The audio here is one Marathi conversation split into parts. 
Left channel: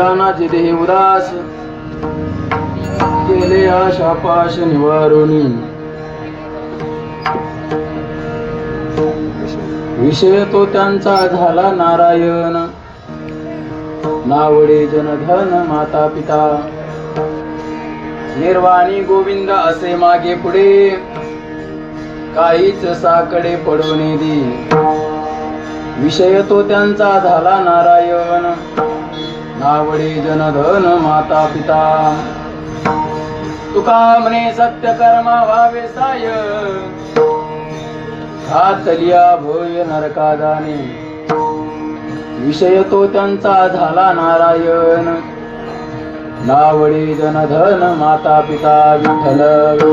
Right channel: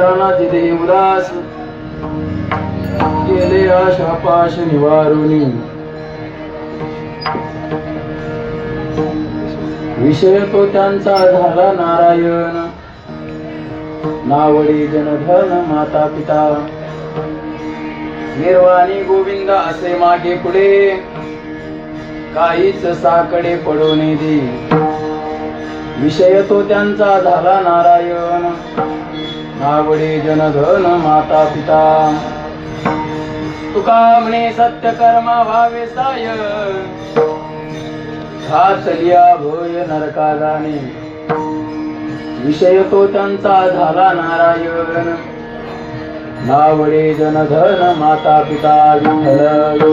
दानाची देही उदास केले आशा पाश निवारुनी विषय तो त्यांचा झाला नारायण नावडे जनधन माता पिता निर्वाणी गोविंद असे मागे पुढे काहीच साकडे पडवणे दे विषय तो त्यांचा झाला नारायण नावडे जनधन माता पिता तुका म्हणे सत्य कर्मा व्हावे साय घातलिया भय नरका जाणे विषय तो त्यांचा झाला नारायण नावडे जनधन माता पिता विठ्ठल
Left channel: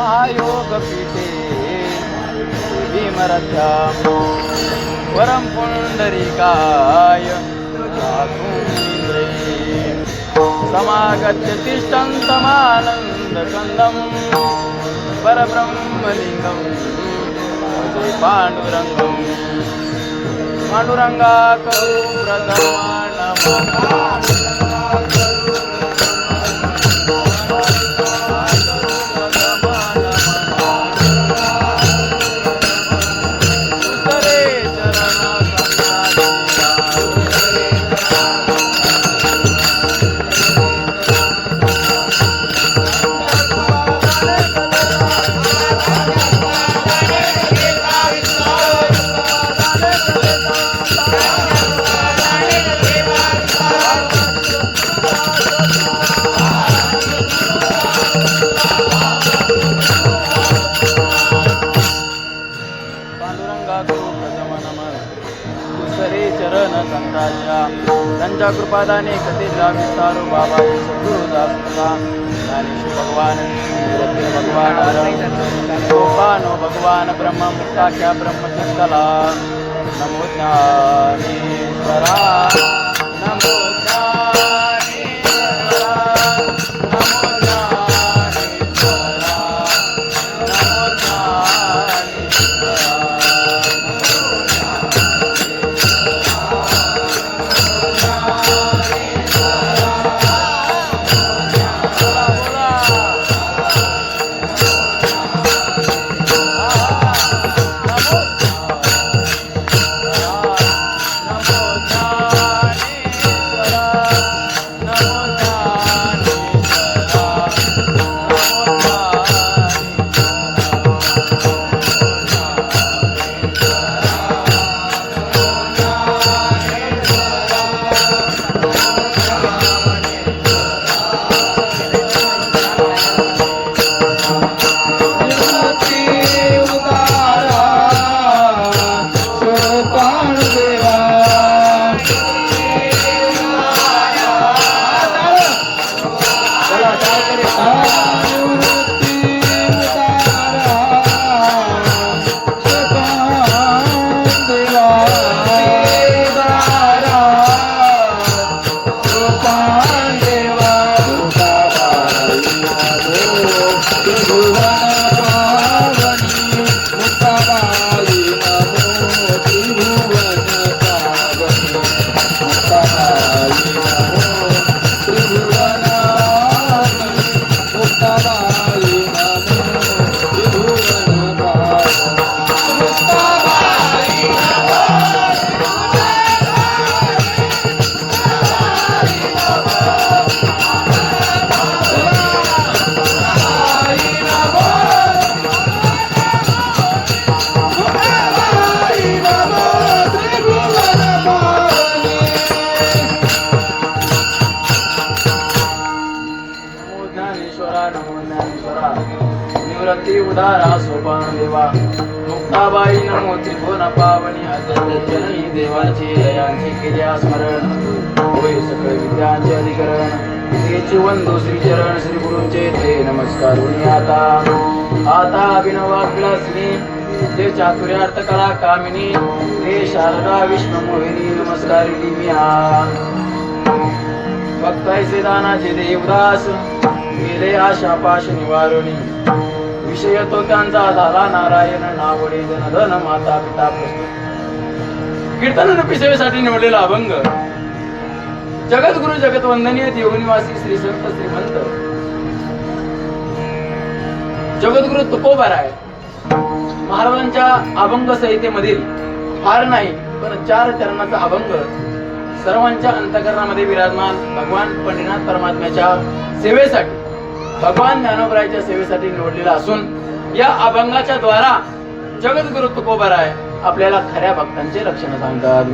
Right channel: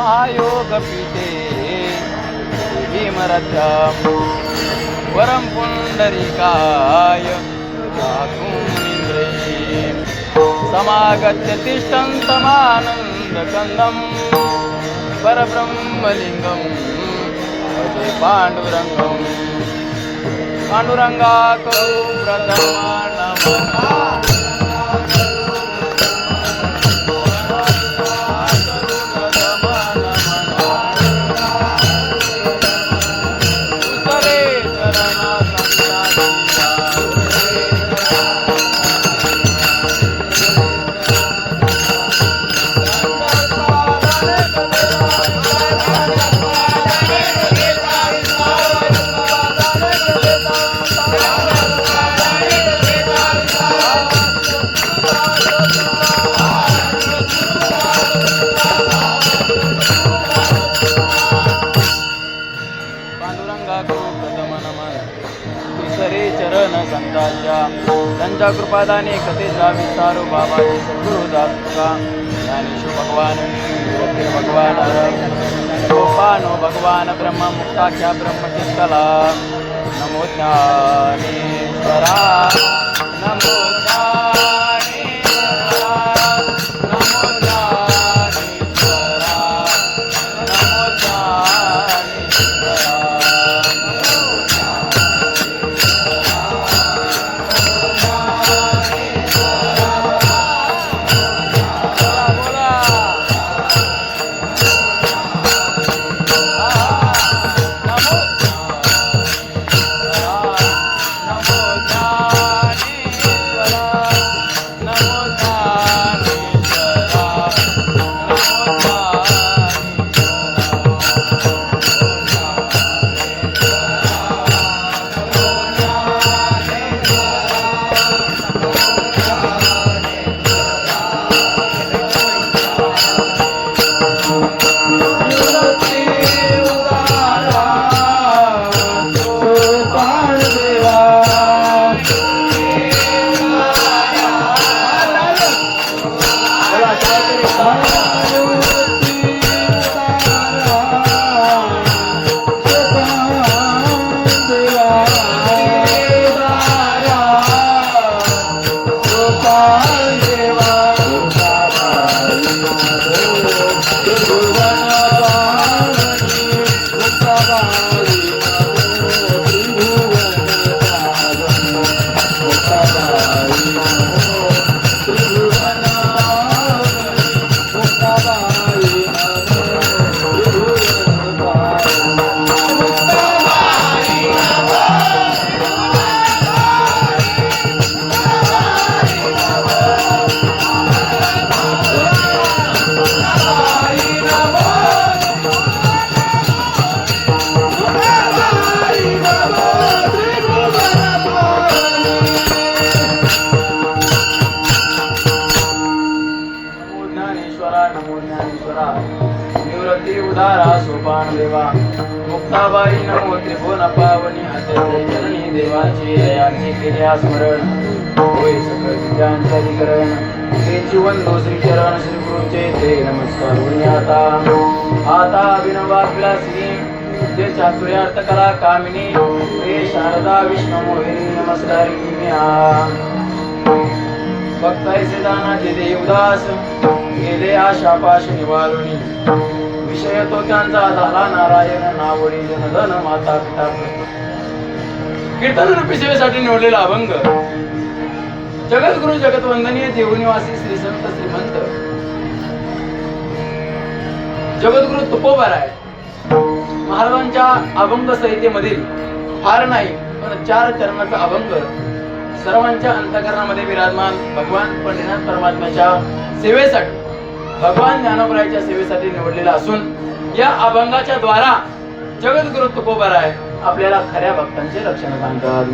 महायोग पीते भीमरथ्याम परम पुंडरीकाय समागत्य तिष्ठन्तमानन्दकन्दं परब्रह्मलिङ्गं भजे पाण्डुरङ्गं पाण्डुरङ्गाकरो प्रथमा नमः नमः विसरे चरण संतांच्या त्यांच्या कृपादाने कथेचा विस्तारो बाबाजी सद्गुरु दासका ज्ञानेश्वर भगवान रत्न भगवान गोपानो भगवान ब्रह्म मुक्ताख्या ब्रह्मचित्कला नमो ज्ञानेश्वरा नमो ज्ञानेश्वरा नमो ज्ञानेश्वरा नमो ज्ञानेश्वरा निवृत्ती उदारा सोपान देवा मुक्ताबाई नमो त्रिभुवन पावनी आद्य जननी देवाची दयाची केल्या स्मरण होय सकळ विद्यांचे अधिकरण श्रीची वंदो श्री चरण श्री गुरुचे ते नमस्कार होई आता अभिनवा विलासिनी जे चातुर्यार्थ कला कामिनी हे शारदा विष्णू मोहिनी नमस्कार की भक्तायसे दानाचे देवदास गेले आशा पाश निवारुणी विषय तो त्यांचा झाला नारायण नावडी जनधन माता पिता कीर्तन रूपी सेवेसाठी निवडलेला अभंग जगद्गुरु जगतवंदनीय देवनिवासी श्री संत श्रीमंत जगद्गुरु तुकोबाराय महाराजांच्या अभंग संहितेमधील फार नाही पण 4 चरणाचा अभंग सर्वांच्या अंतःकरणामध्ये विराजमान भगवान पंढरीनाथ परमात्म्याच्या सेवेसाठी भगवान ज्ञानोबरायच्या सेवेसाठी निवडलेला असून या अभंगाच्या द्वारा जगद्गुरु तुकोबाराय आपल्याला खऱ्या भक्तांचे लक्षण सांगतात.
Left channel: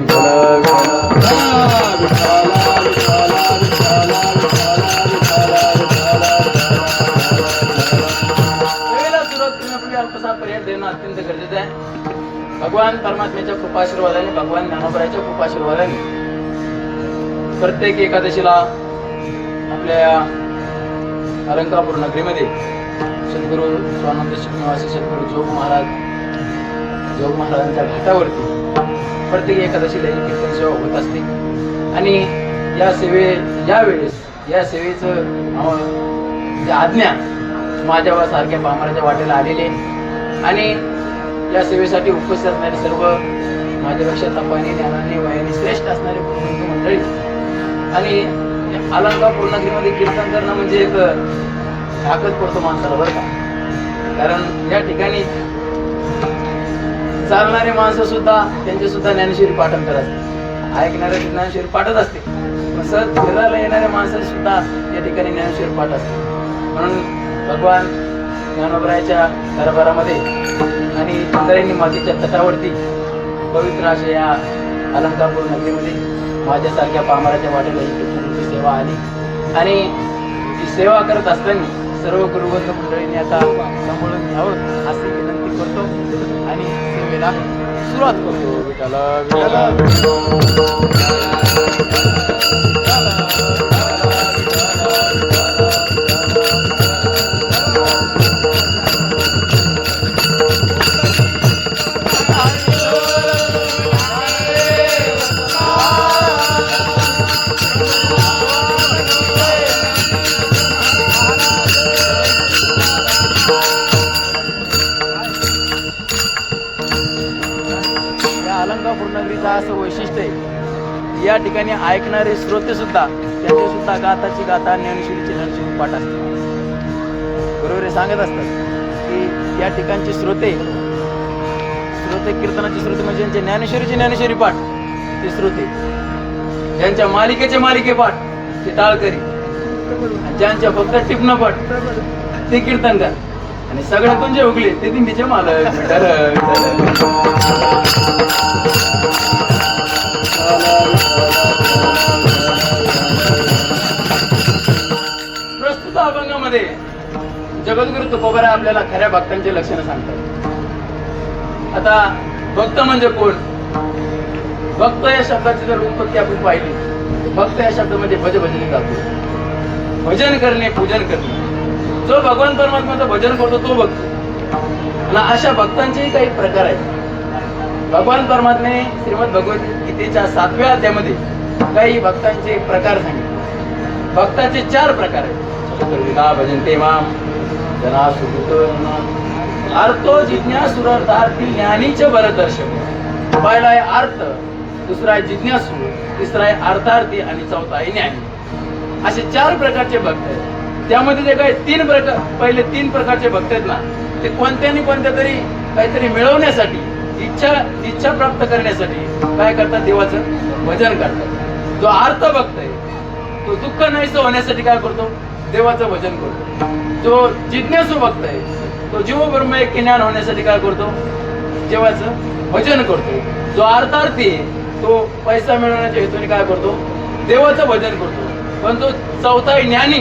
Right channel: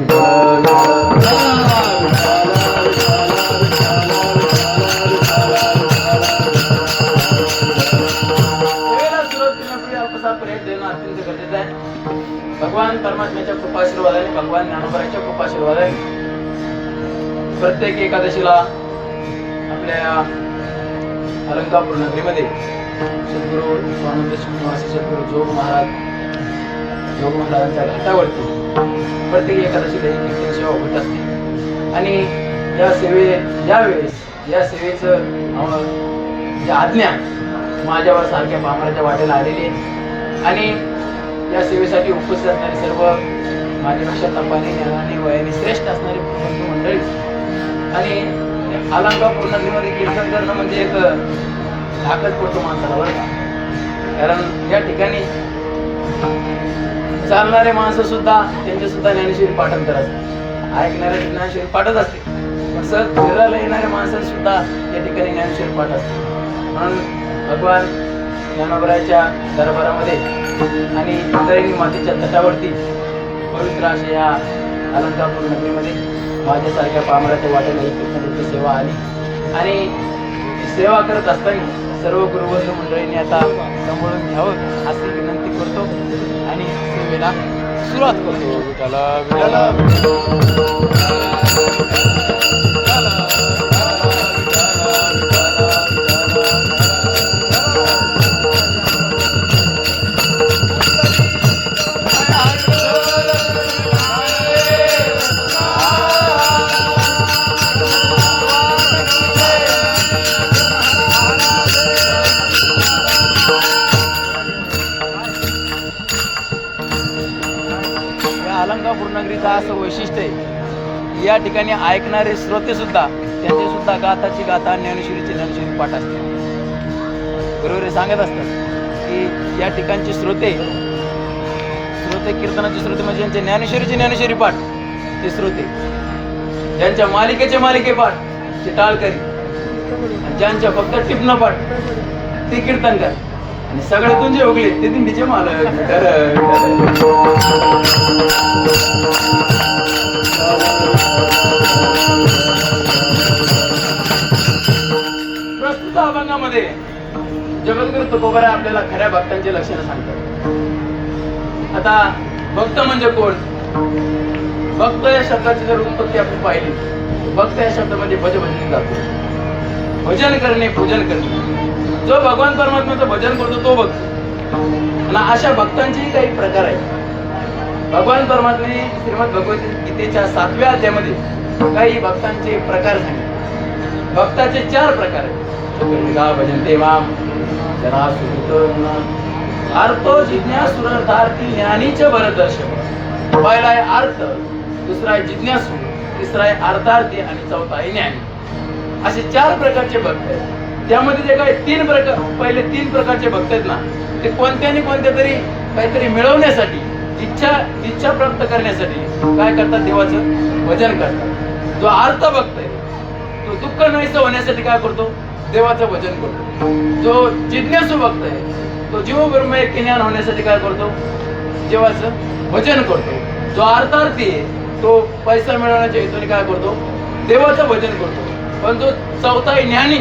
सेवेला सुरुवात करण्यापूर्वी अल्पसा पर्याय देणं अत्यंत गरजेचं आहे. भगवान परमात्म्याच्या कृपाशीर्वादाने भगवान ज्ञानोबरायच्या कृपाशीर्वादाने प्रत्येक एकादशीला आपल्या अलंकापूर नगरीमध्ये सद्गुरु स्वानंद श्रीनिवासी सद्गुरु जोग महाराजांच्या घाटावरती प्रत्येक एकादशीला कीर्तन सेवा होत असते आणि या सेवेचं आज्ञा माझ्यावर सारख्या पामराच्या वाटेला आलेली आणि या सेवेसाठी उपस्थित असणारे सर्व माझ्यापेक्षा तपाने ज्ञानाने वयाने श्रेष्ठ असणारे बंधू मंडळी आणि अलंकापूर नगरीमध्ये कीर्तन करणं म्हणजे एक धाकच पडतो माणसाला बरं का. कारण या ठिकाणी चालणारे माणसं सुद्धा त्यांचे सुद्धा ज्ञानेश्वरी पाठांतर असते, ऐकणारे ज्ञानेश्वरी पाठच असते. सहज फिरायला येणाऱ्या माणसांनी सुद्धा या ठिकाणी ज्ञानेश्वरी पाठ असते. म्हणून भगवान ज्ञानोबरायच्या दरबारामध्ये आणि इंद्रायणी मातेच्या तटावरती पवित्र अशा या अलंकापूर नगरीमध्ये माझ्यासारख्या पामराच्या वाटेला ही सेवा आली आणि ती सेवा करत असताना सर्व गुरुवर्ग मंडळींनी आता सांभाळून घ्यावं असं विनंती करतो आणि सेवेला सुरुवात करतो. विठाला विठाला विठाला अलंकापूर नगरीचं असं वैशिष्ट्य आहे. या ठिकाणी ऐकणारे श्रोते सुद्धा त्यांची सुद्धा गाथाची गाथा ज्ञानेश्वरीची ज्ञानेश्वरी पाठ असते. गुरुवारी सांगत असतात की या ठिकाणचे श्रोते कीर्तनाचे श्रोते म्हणजे ज्यांचे ज्ञानेश्वरी पाठ ते श्रोते, ज्यांच्या मालिके पाठ ते टाळकरी, ज्यांच्या फक्त टिपणं पाठ ते कीर्तनकार, आणि सगळ्यातून जे उगले ते दिंडीचे मालक. प्रस्तुत अभंगामध्ये जगद्गुरु तुकोबरा आपल्याला खऱ्या भक्तांची लक्षणं सांगतात. आता भक्त म्हणजे कोण? भक्त या शब्दाची जर उत्पत्ती आपण पाहिली, भक्त या शब्दामध्ये भजन करतो, भजन करणे, पूजन करणे. जो भगवान परमात्म्याचं भजन करतो तो भक्त. आणि अशा भक्तांचेही काही प्रकार आहेत. भगवान परमात्म्याने श्रीमद भगवद्गीतेच्या 7व्या अध्यायामध्ये काही भक्तांचे प्रकार सांगितले. भक्ताचे 4 प्रकार आहेत. भजन तेव्हा जना सुकृत अर्थो जिज्ञासुरार्थार्थी ज्ञानीचे बरदर्शन. पहिला आहे अर्थ, दुसरा आहे जिज्ञासू, तिसरा आहे अर्थार्थी आणि चौथा आहे ज्ञानी. असे 4 प्रकारचे भक्त आहेत. त्यामध्ये जे काही 3 प्रकार, पहिले 3 प्रकारचे भक्त आहेत ना, ते कोणत्या तरी काहीतरी मिळवण्यासाठी, इच्छा प्राप्त करण्यासाठी काय करतात? देवाचं भजन करतात. जो अर्थ भक्त आहे तो दुःख नाहीसं होण्यासाठी काय करतो? देवाचं भजन करतो. जो जिज्ञासू भक्त आहे तो जीव ब्रह्म एक ज्ञान होण्यासाठी काय करतो? देवाचं भजन करतो. जो अर्थार्थी तो पैसा मिळवण्याच्या हेतूने काय करतो? देवाचं भजन करतो. पण जो चौथा ज्ञानी,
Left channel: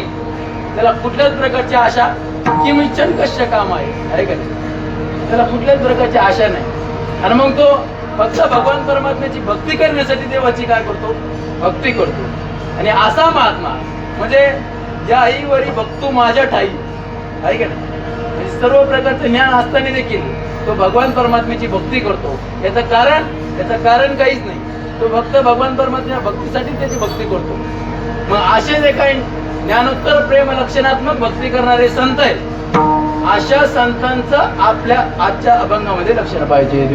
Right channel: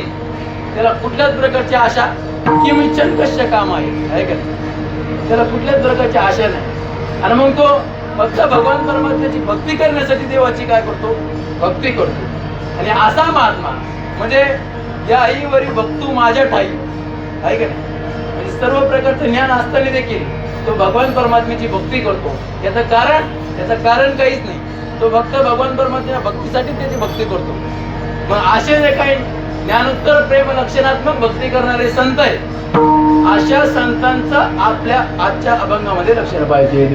त्याला कुठल्याच प्रकारची आशा किंचित कश्य काम आहे का नाही? त्याला कुठल्याच प्रकारची आशा नाही. आणि मग तो फक्त भगवान परमात्म्याची भक्ती करण्यासाठी देवाची काय करतो? भक्ती करतो. आणि असा महात्मा म्हणजे याही वरी भक्तू माझ्या ठाई आहे का नाही? म्हणजे सर्व प्रकारचं ज्ञान असताना देखील तो भगवान परमात्म्याची भक्ती करतो. याचं कारण काहीच नाही. तो भक्त भगवान परमात्म्या भक्तीसाठी त्याची भक्ती करतो. मग असे जे काही ज्ञानोत्तर प्रेम लक्षणात्मक भक्ती करणारे संत आहेत, अशा संतांचं आपल्या आजच्या अभंगामध्ये लक्षण पाहिजे.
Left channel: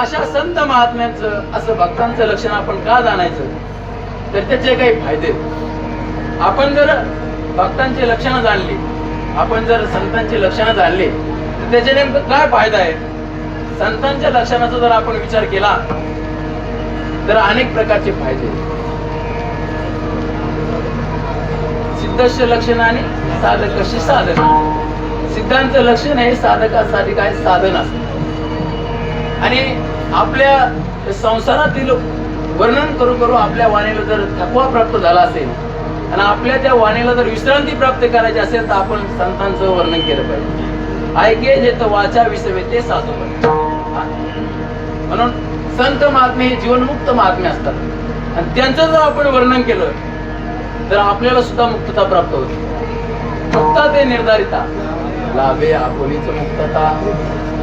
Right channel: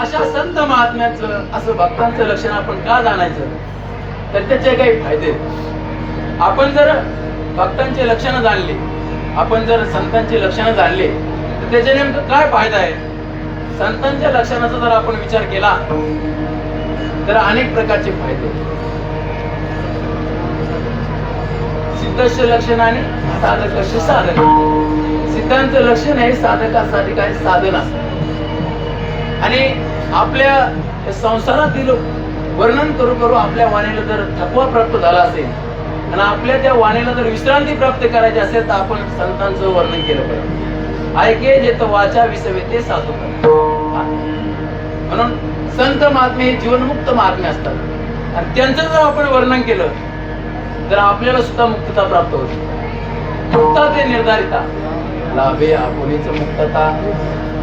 अशा संत महात्म्याचं असं भक्तांचं लक्षण आपण का जाणायचं? तर त्याचे काही फायदे. आपण जर भक्तांचे लक्षणं जाणले, आपण जर संतांची लक्षणं जाणले तर त्याचे नेमकं काय फायदा आहे? संतांच्या लक्षणाचा जर आपण विचार केला तर अनेक प्रकारचे फायदे. सिद्धस्य लक्षण आणि साधकस्य साधन. सिद्धांचं लक्षण हे साधकासाठी काय? साधन असतं. आणि आपल्या संसारातील वर्णन करू आपल्या वाणीला जर थकवा प्राप्त झाला असेल आणि आपल्या त्या वाणीला जर विश्रांती प्राप्त करायची असेल तर आपण संतांचं वर्णन केलं पाहिजे. ऐके जे तर वाचा विसवे ते साधवतात. म्हणून संत महात्मे हे जीवनमुक्त महात्मे असतात आणि त्यांचं जर आपण वर्णन केलं तर आपल्याला सुद्धा मुक्तता प्राप्त होते. मुक्ता ते निर्धारिता लाभे आपुलीच मुक्तता.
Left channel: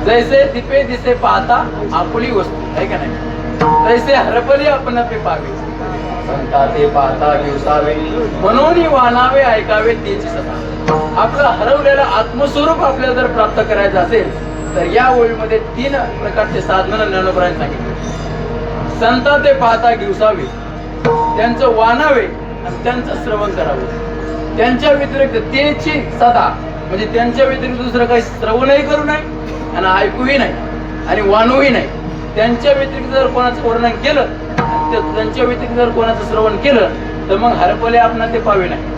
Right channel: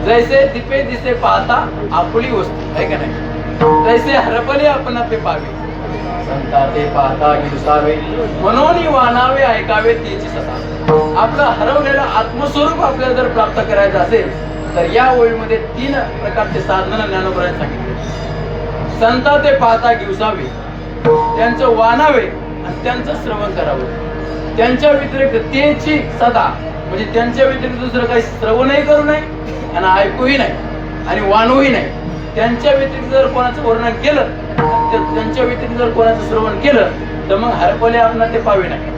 जैसे दिपे दिसे पाहता आपली वस्तू आहे का नाही? तैसे हरपले आपण ते पाहावे, संता ते पाहता दिवसावे, म्हणून वाणावे ऐकावे त्याची सता. आपलं हरवलेलं आत्मस्वरूप आपल्याला जर प्राप्त करायचं असेल तर या ओळीमध्ये 3 प्रकारचे साधनं ज्ञानोबरांनी सांगितले. संता ते पाहता दिवसावे, त्यांचं वाणावे आणि त्यांचं श्रवण करावं. त्यांच्या व्यतिरिक्त त्याची सदा म्हणजे त्यांच्या व्यतिरिक्त दुसरं काही श्रवणही करू नये आणि ऐकूही नाही आणि वाणूही नाही. त्यांच्या व्यतिरिक्त जर कोणाचं वर्णन केलं तर त्यांच्या व्यतिरिक्त जर कोणाचं श्रवण केलं तर मग हरपले आपण ते पाहावे नाही.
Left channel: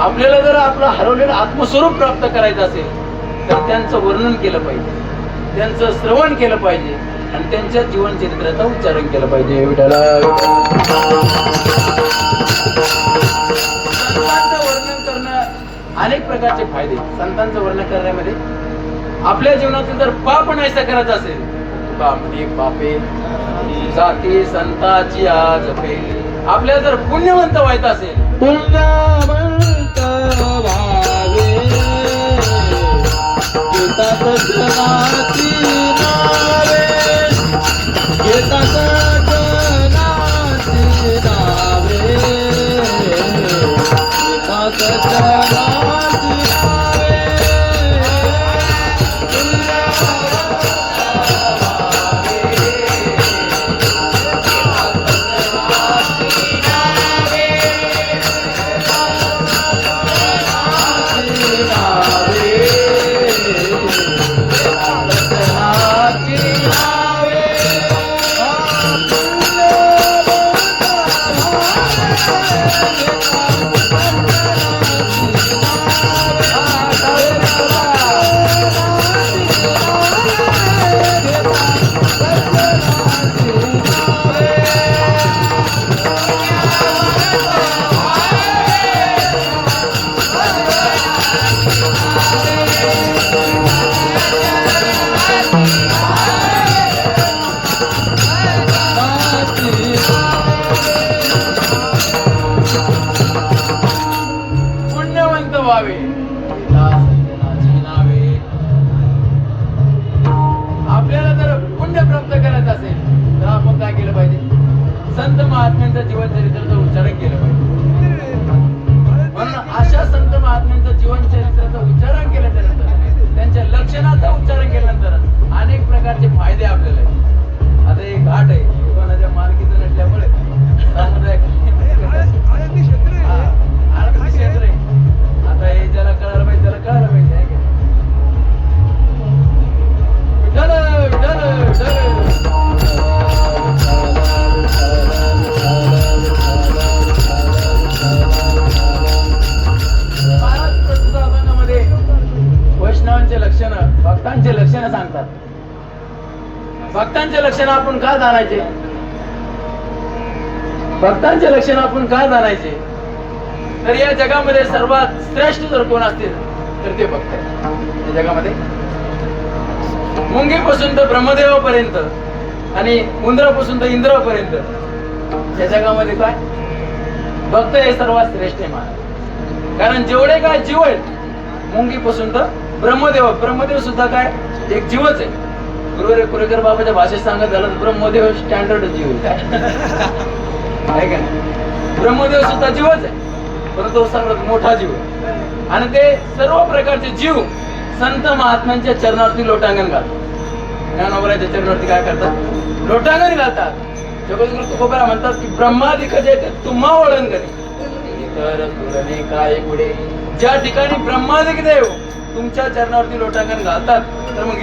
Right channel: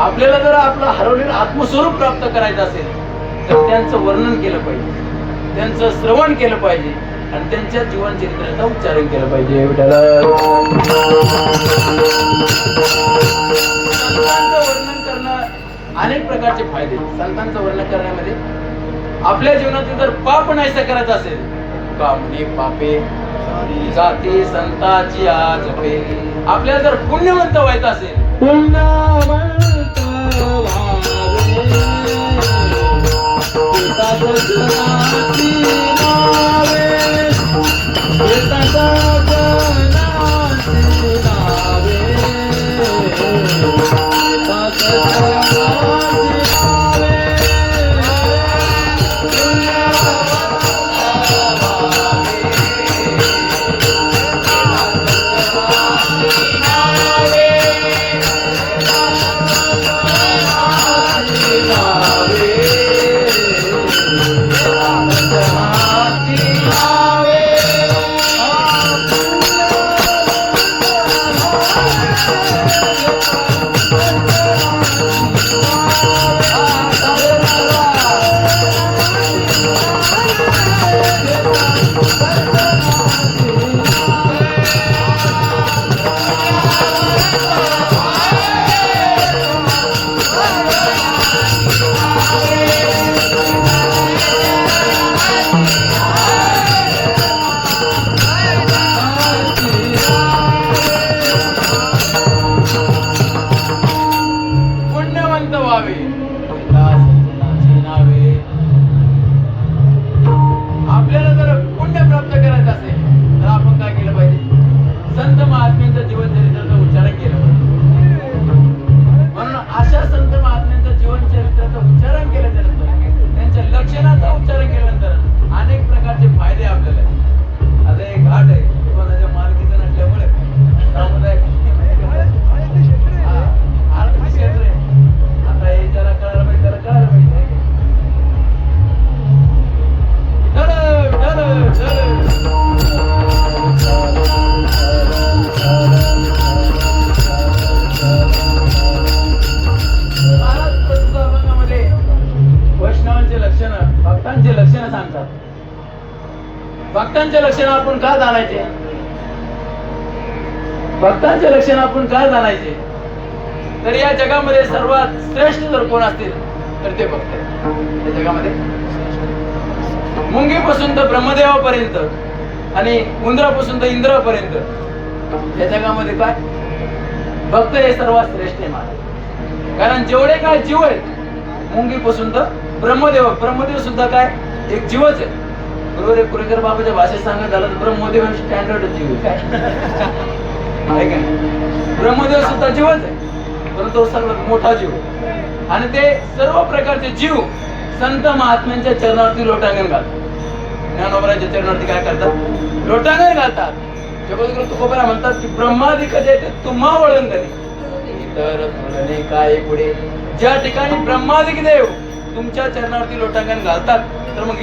आपल्याला जर आपलं हरवलेलं आत्मस्वरूप प्राप्त करायचं असेल तर त्यांचं वर्णन केलं पाहिजे, त्यांचं श्रवण केलं पाहिजे आणि त्यांच्या जीवन चरित्राचं उच्चारण केलं पाहिजे. संतांचं वर्णन करणं अनेक प्रकारचे फायदे. संतांचं वर्णन करण्यामध्ये आपल्या जीवनातील जर पाप नाहीसा करायचं असेल, तुकामध्ये पापे जाती संताची आजपे, आपल्याला जर पुण्यवंत व्हायचं असेल, पुण्यवंत व्हावे पिता सजनाची नावे, पिता सजनाची नावे, पिता सजनाची व्हावे, पिता सज्जनाची नावे. आपल्याला जर पुण्य प्राप्त करायचं असेल तर आपण काय केलं पाहिजे? संत महात्म्यांचं जीवन चरित्राचं उच्चारण केलं पाहिजे. म्हणून अशा संत महात्म्यांचं जीवन चरित्राचं उच्चारण केल्यानंतर, त्यांच्या लक्षणाचं उच्चारण केल्यानंतर अनेक प्रकारचे फायदे आपल्याला आहेत. आता एक घाट आहे, कोणाच्या मार्गीचं नसल्यामुळे सामुदायिक आरती क्षेत्र आहे. आता हे ज्याला कळायला पाहिजे त्याला कळायला पाहिजे. विठ्ठल विठ्ठल विठ्ठल. महाराज प्रभंगामध्ये वैष्णवांचे लक्षण, भक्तांचे लक्षण सांगतात. भक्तांचे लक्षण आपण का जाणायचे? भक्तांचे लक्षण आपण का जाणायचे? तर या जगामध्ये सर्वात श्रेष्ठ जर कोण असतील तर ते भक्त. या जगामध्ये मुंगीपासून तर ब्रह्मदेवापर्यंत आणि उंदरापासून तर इंद्रापर्यंत या जगामध्ये काय भक्त हे सर्वात श्रेष्ठ आहे महाराज. कारण जेवढे काय जीव आहेत, मुंगीपासून तर ब्रह्मदेव, ब्रह्मदेव सुद्धा काय एक जीवच आहे. बरोबर आहे. पुरेकर बाबाच्या भाषेत सांगत झालं तर ब्रह्मदेव हे स्टँडर्ड जीव काय आहे का नाही? ब्रह्मदेव सुद्धा जीवच आहे, परंतु सर्वात मोठा जीव. आणि ते सर्व प्रकारचे जीव संत महात्म्यांच्या चरणावरती लोटांगण घालतात. ज्ञानोबराच्या चरणावरती काय करतात? लोटांगण घालतात. जगद्गुरु तुकोबरा म्हणतात की ब्रह्मादिक जैते तुम्हा वळण करी तर तुलने काय पुढे. ज्या ठिकाणी ब्रह्मादिक देव तुमच्या चरणावरती लोटांगण घालतात, तर मग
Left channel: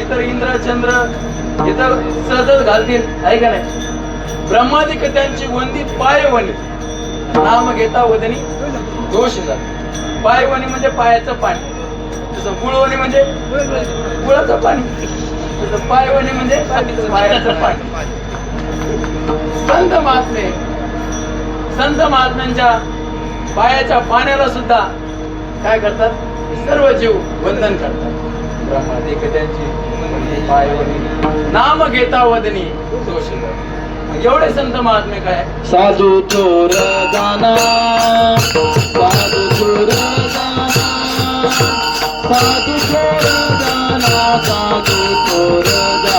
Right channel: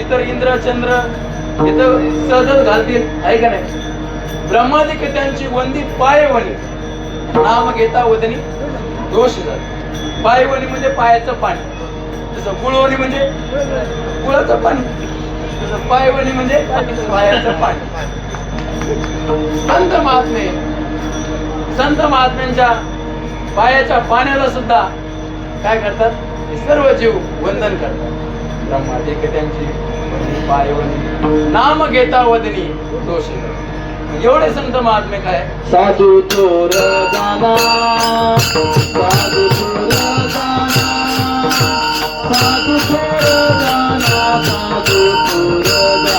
इतर इंद्र चंद्र इतर सहजच घालतील, आहे का नाही? ब्रह्मादिक त्यांची वंदी पाय वनी, नाम घेता वदनी दोष झाला. पायवणी म्हणजे पायाचं पाणी, तसं गुळवणी म्हणजे गुळाचं पाणी, तसं पायवणी म्हणजे पायाचं पाणी. संत महात्मे, संत महात्म्यांच्या पायाच्या पाण्याला सुद्धा काय करतात? सर्व जीव वंदन करतात. ब्रह्मादिक त्यांची वंदी पायवणी, नाम घेता वदनी दोष. एवढे संत महात्मे काय? साधू चोर जाना, साधू चोर जाना, साधू चोर जाना, साधू चोर जाना,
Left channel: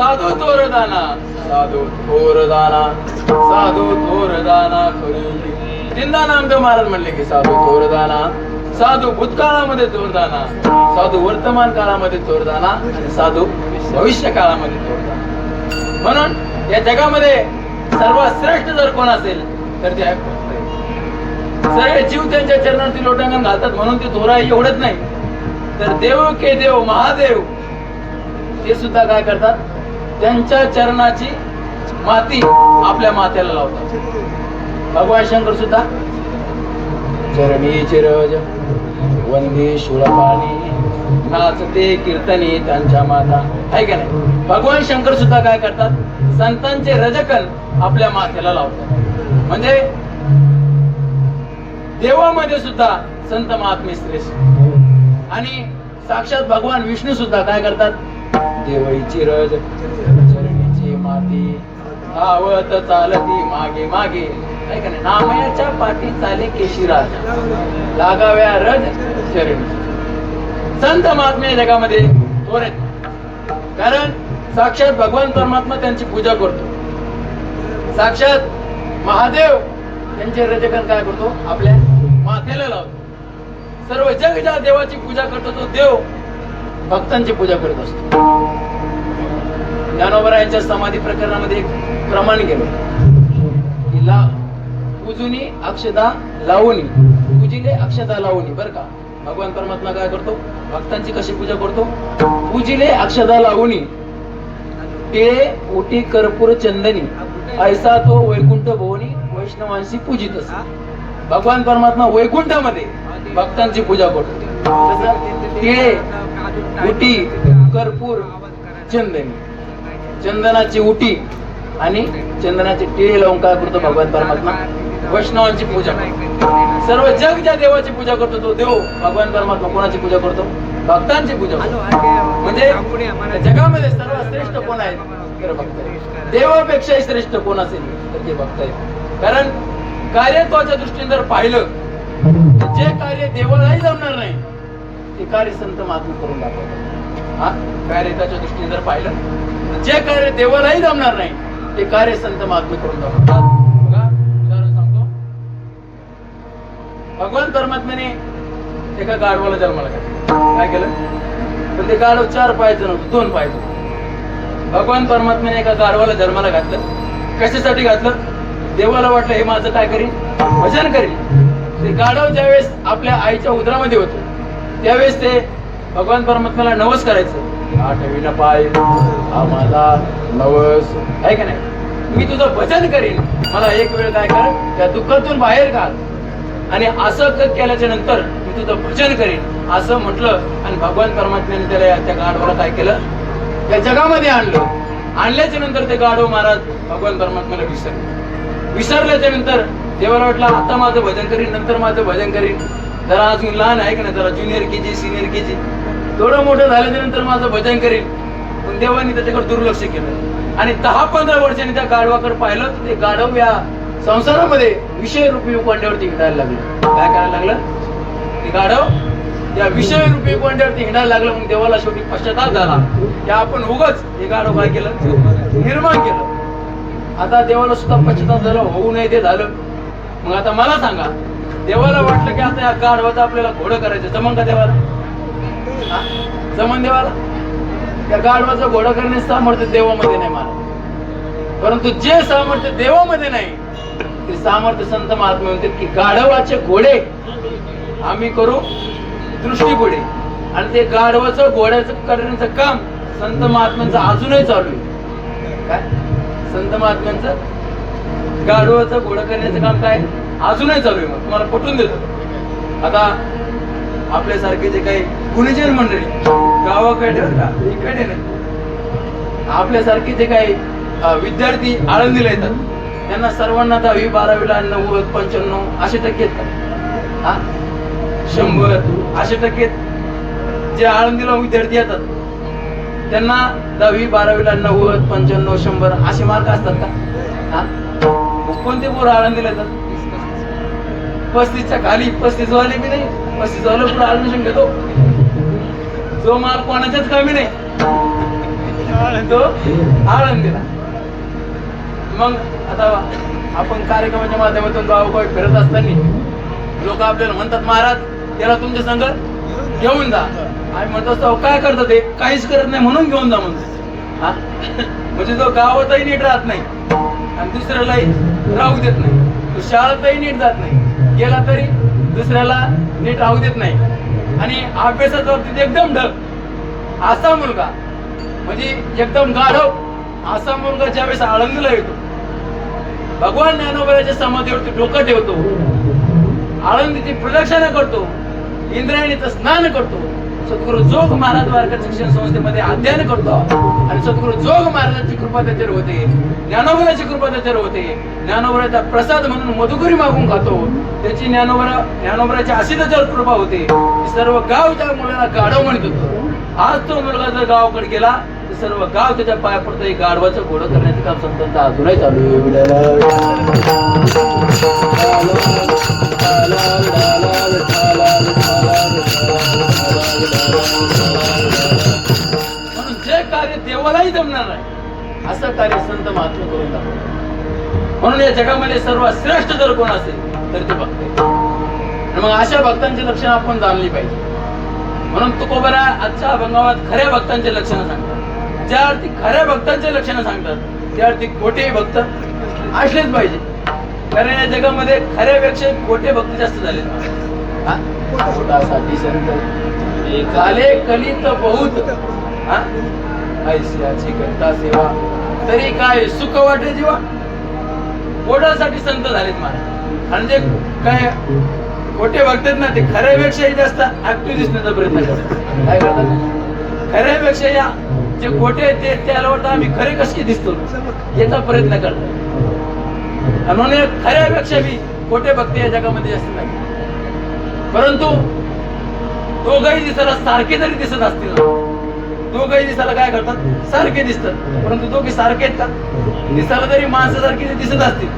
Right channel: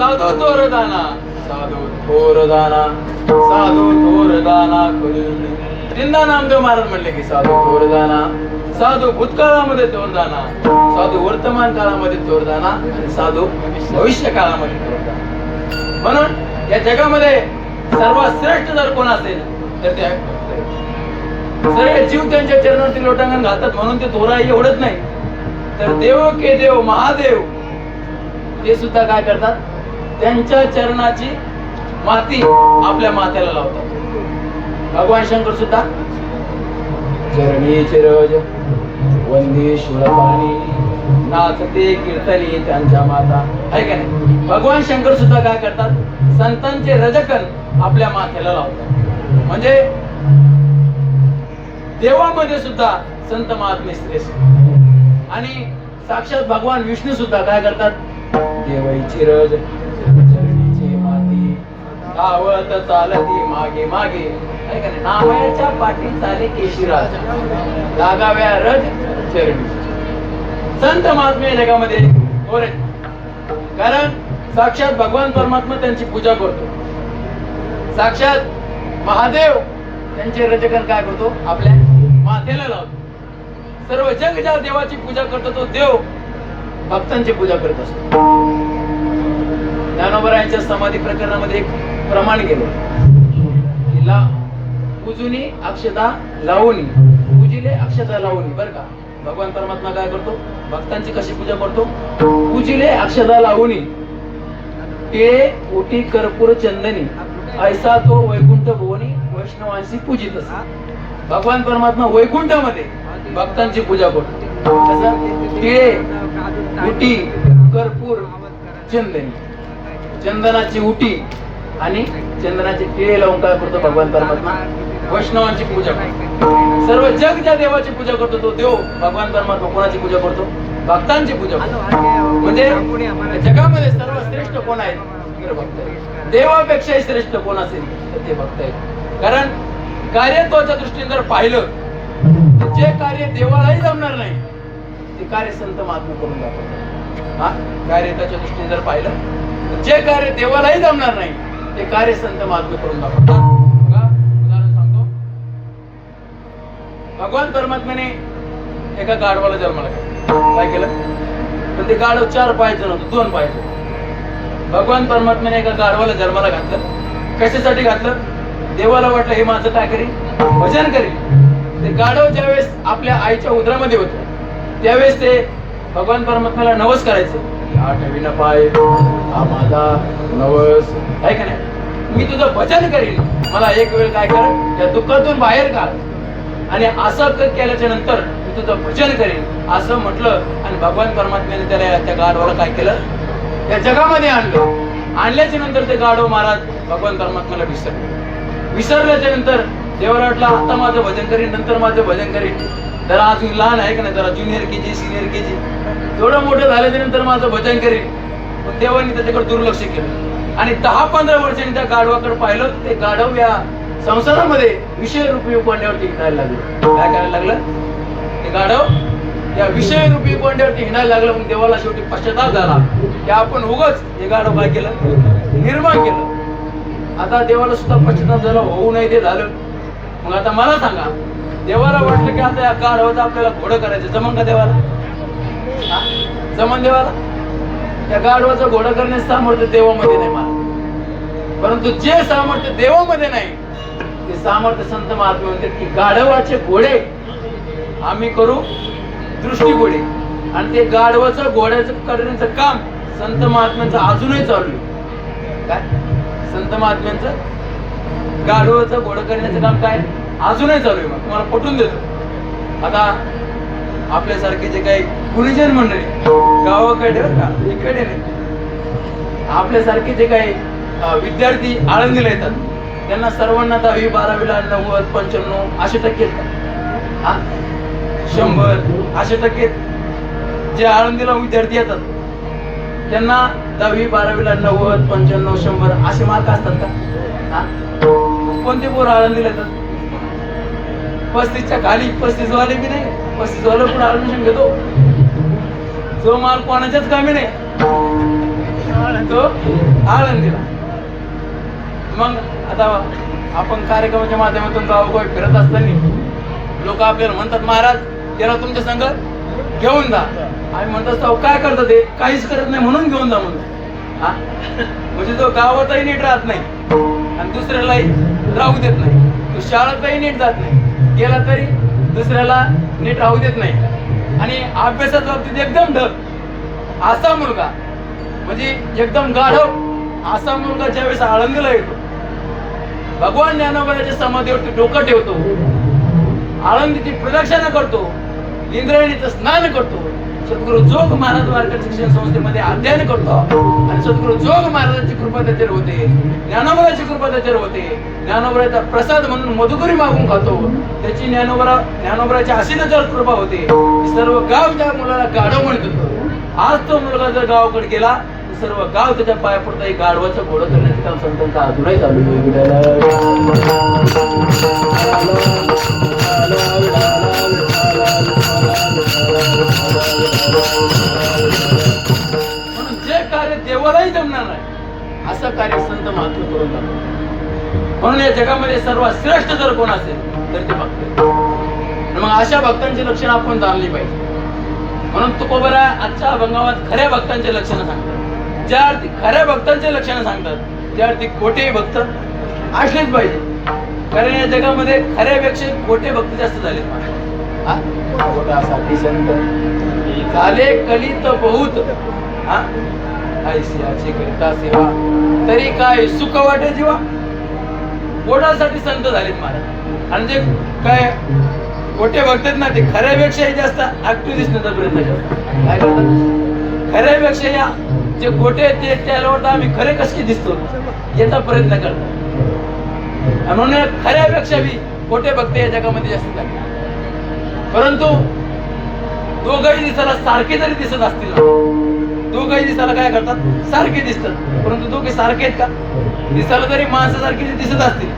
साधू थोरदाना, साधू थोरदाना, साधू थोरदाना करून तीनदा नामदेव महाराज म्हणले की साधू थोरदाना, साधू भूतकाळामध्ये थोरदाना, साधू वर्तमान काळामध्ये थोरदाना आणि साधू भविष्य काळामध्ये थोरदाना. म्हणून या जगामध्ये सर्वात श्रेष्ठ जर कोण असेल तर ते आहे भक्त. सर्व जीव त्यांच्या चरणातील लोटांगण घालतात म्हणून ते थोरा एवढंच नाही तर देव के देव महादेव ते सुद्धा काय करतात, त्यांच्या चरणाची माती आपल्या माथ्याला लावतात. भगवान शंकर सुद्धा चरणी चिरज वंदे शूळपाणी नाचते कीर्तनी त्यांच्या माता, आहे का नाही. भगवान शंकर सुद्धा काय करतात, संतांचे रजकन आपल्या माथ्याला लावतात. म्हणजे देवामध्ये सुद्धा संत महात्मे श्रेष्ठ आणि साक्षात भगवान विष्णू सुद्धा काय करतात, देवाची रज चरणीची माती धावत चालती मागे मागे, आहे का नाही. नामयाच्या पाठी चाले केशिराजा लागाव्या रज चरणी. संत महात्मे जगामध्ये थोर आहेत कारण साक्षात भगवान परमात्मा त्यांची पूजा करतो. साक्षात महादेव त्यांचे रजकन काय करतो, आपल्या माथ्याला लावतो. सर्व जग ज्या देवाची पूजा करतो तो देव भक्तांची पूजा करत असतो. ज्ञानोबरायांच्या समाधी प्रकरणामध्ये एक प्रमाण केलं की पूजुनी अक्षता लावणी, पूजिले अक्षता लावणी. बरं का, भगवान परमात्मा काय करतो, भक्तांची कशी पूजा करतो, पूजिले अक्षता लावणी टिळे उटी कर्पूर चंदनी ऐसा तो वैकुंठ भुवनी वैष्णवांशी पूजित असतो. भगवान परमात्मा वैकुंठामध्ये भक्तांची पूजा करतो. कसं, टिळे उटी कर्पूर चंदनी, चंदनाची उटी आणि चंदनाचे टिळे लावून काय करतो भगवान परमात्मा, वैष्णवांची पूजा करतो. सर्व जग ज्या देवाची पूजा करतो तो देव भगवान परमात्मा कोणाची पूजा करतो, भक्तांची पूजा करतो. म्हणजे जगामध्ये सर्वात श्रेष्ठ कोण आहे तर भक्त आहे. देवापेक्षाही श्रेष्ठ कोण असेल तर ते भक्त आहे. कारण कार्यत्वाच्या दृष्टीने जर पाहिलं तर जे कार्य देवालाही जमणार नाही ते कार्य संत महात्मा करून दाखवतात. हा, कार्यत्वाच्या दृष्टीने जर पाहिलं तर जे कार्य देवालाही जमणार नाही ते कार्य संत महात्मा करून दाखवतात. बघा, उदाहरण सांगतो. भगवान परमात्म्याने एका गाढवाला जन्माला घातला. काय केलं, पण ते गाढव 4 पायाचं नव्हतं, 2 पायाचं. भगवान परमात्म्याने एका गाढवाला जन्माला घातलं. कशासाठी घातलं, देवाला वाटलं हे माझं काय करीन, भजन करीन. ते गाढव ज्यावेळेस आपल्या आईच्या उदरामध्ये होते त्यावेळेस ते भगवान परमात्म्याला नवस करायचं, आठवीला पाय आम्हाला नवस, आहे का नाही, मी तुझं भजन करीन, मला एक वेळ काय कर त्या दुःखातून बाहेर काढ आणि असं केल्याच्या नंतर मी तुझं भजन करीन असं म्हटलं. आणि भगवान परमात्म्याने त्याला त्या गाढवाला काय केलं, त्या जगामध्ये आणलं. आणल्याच्या नंतर ते गाढव महाराज भगवान परमात्म्याला विसरल्याच्या नंतर देवाला वाटलं आता माझं भजन करीन, नंतर माझं भजन करीन. जरा अजून लहान आहे का नाही, जरा ज्युनियर केजी सिनियर केजी, थोडं मोठं झाल्याच्या नंतर माझं भजन करीन. पण देवानी त्याच्याकडे दुर्लक्ष केलं आणि 10-15 वर्षांनी त्या गाढवाकडे पाहिलं तर ते गाढव या संसारामध्ये विषय रूपी उपांड्यावरती हिंडायला लागले. काय करायला लागलं, ते गाढव या विषय रूपी उपांड्यावरती हिंडायला लागलं. मग देवाला शेवटी पश्चाताप झाला की आपण उगाच हे गाढव काय केलं, निर्माण केलं. आता देवाला सुद्धा पश्चाताप झाला, होऊ नये ते झालं. मग आता मला सांगा, देवाला वाटलं की आता या गाढवाचं आपल्याला घोडं करायचं, जमन का देवाला, जमन देवाला. त्या गाढवाचं घोडं करण्याचं सामर्थ्य देवामध्ये नाही महाराज, परंतु जे सामर्थ्य देवामध्ये नाही ते सामर्थ्य संत महात्मे म्हणतात की गाढवाचे घोडे आम्ही करू दृष्टी घोडे. आणि ते गाढवाचं घोड्याचं करण्याचं काम संत महात्म्यांचं अजूनही चालू आहे. काय, संत महात्म्यांचं गाढवाचं घोडं करण्याचं काम काय अजूनही चालू आहे. मग तुम्हाला पटवून देतो. आता आपल्यासारखे जे काही गुरुजन मंडळी गावाकडे बरं का, इकडे नाही. आपल्यासारखी जे काही विद्यार्थी आळंदीला येतात त्यांना सर्वांना 10वी 12वीला 90 95 असे टक्के येतात. हा 100 असे टक्के जे आळंदीला विद्यार्थी येतात त्यांना 10वी 12वीला 90 95 100 असे मार्क असतात का? हा कोणते पोरं आळंदीला येतात? 35च्या खाली, 35 वाले बी नाही, 35 वाले पुढे ऍडमिशन घेतो. जो मार्क कोणाच्याच कमी नाही तो आळंदीला. मग आता आपण कार्यक्रमाच्या माध्यमातून गावोगावी फिरत असताना लोक आपल्याला म्हणतात, महाराज त्याला तुमच्या संग घेऊन जा. आम्ही म्हणत असतो काय करतात ते? काहीच करत नाही म्हणून घेऊन जा म्हणतो. हा म्हणजे जो गावातही नीट राहत नाही आणि दुसऱ्यालाही राहू देत नाही, तो शाळेतही नीट जात नाही, गेला तरी दुसऱ्याला नीट राहू देत नाही आणि अभ्यासाच्या बाबतीत एकदम ढग असा मुलगा, म्हणजे एकदम गाढव असा मुलगा ज्यावेळेस आळंदीला येतो, भगवान ज्ञानोबाच्या समाधीवरती डोकं ठेवतो, आळंदीची प्रदक्षिणा करतो, इंद्रायणीचं स्नान करतो, सद्गुरु जोग महाराज वारकरी शिक्षण संस्थेमध्ये अध्ययन करतो आणि सद्गुरु जोग महाराजांची कृपा त्याच्यावर होते, ज्ञानोबराची कृपा त्याच्यावर होते, ज्ञानोबराचा प्रसाद म्हणून मधुकरी मागून खातो, त्याची ज्ञानोबराची अशी त्याच्यावर कृपा होते. सर्व गाव त्या मुलाला गाढव म्हणत होतं. आज तो मुलगा जर गावाकडे गेला तर सर्व गाव त्याच्या पाया पडतं. एक गाढवाचं घोडं करण्याचं काम संतांचं अजूनही चालू म्हणून जे कार्य देवालाही जमणार नाही असं कार्य संत महात्मा करून दाखवतात. म्हणून या जगामध्ये सर्वात श्रेष्ठ जर कोण असेल तर ते भक्त. मग अशा भक्तांची लक्षणं आपण जाणली पाहिजे. म्हणून तुकोबरा आजच्या अभंगात खऱ्या भक्तांचे लक्षणं सांगतात. ज्या अर्थी खऱ्या भक्तांचे लक्षणं सांगतात त्या अर्थी खोटे भक्त असलेच पाहिजे. कारण या जगामध्ये खऱ्यापेक्षा खोटे भक्त जास्त झालेत. खोटासाठी संत खाले कलित बहुत, ऐसियाची करता सेवा तरी काय सुख वाटे जीवा. पोटासाठी संत झालेत महाराज. आणि जे काय खोटे बघतात ना ते खऱ्यापेक्षाही जास्त ऍक्टिव्ह दिसण्याचा प्रयत्न करतात. काय करतात? खऱ्यापेक्षा या जे खोटे आहेत ते त्यावर आम्ही खरे कसे दिसतो याचा प्रयत्न करतात. म्हणून खऱ्यापेक्षा बी खोटे भक्त या जगामध्ये जास्त नाही. परंतु दोघंही दिसायला सारखे जरी दिसत असतील ना, दोघंही दिसायला काय करतात? सारखे दिसतात. परंतु दोघे सारखे आहेत का? दिसायला तरी माणसासारखे दिसत असतील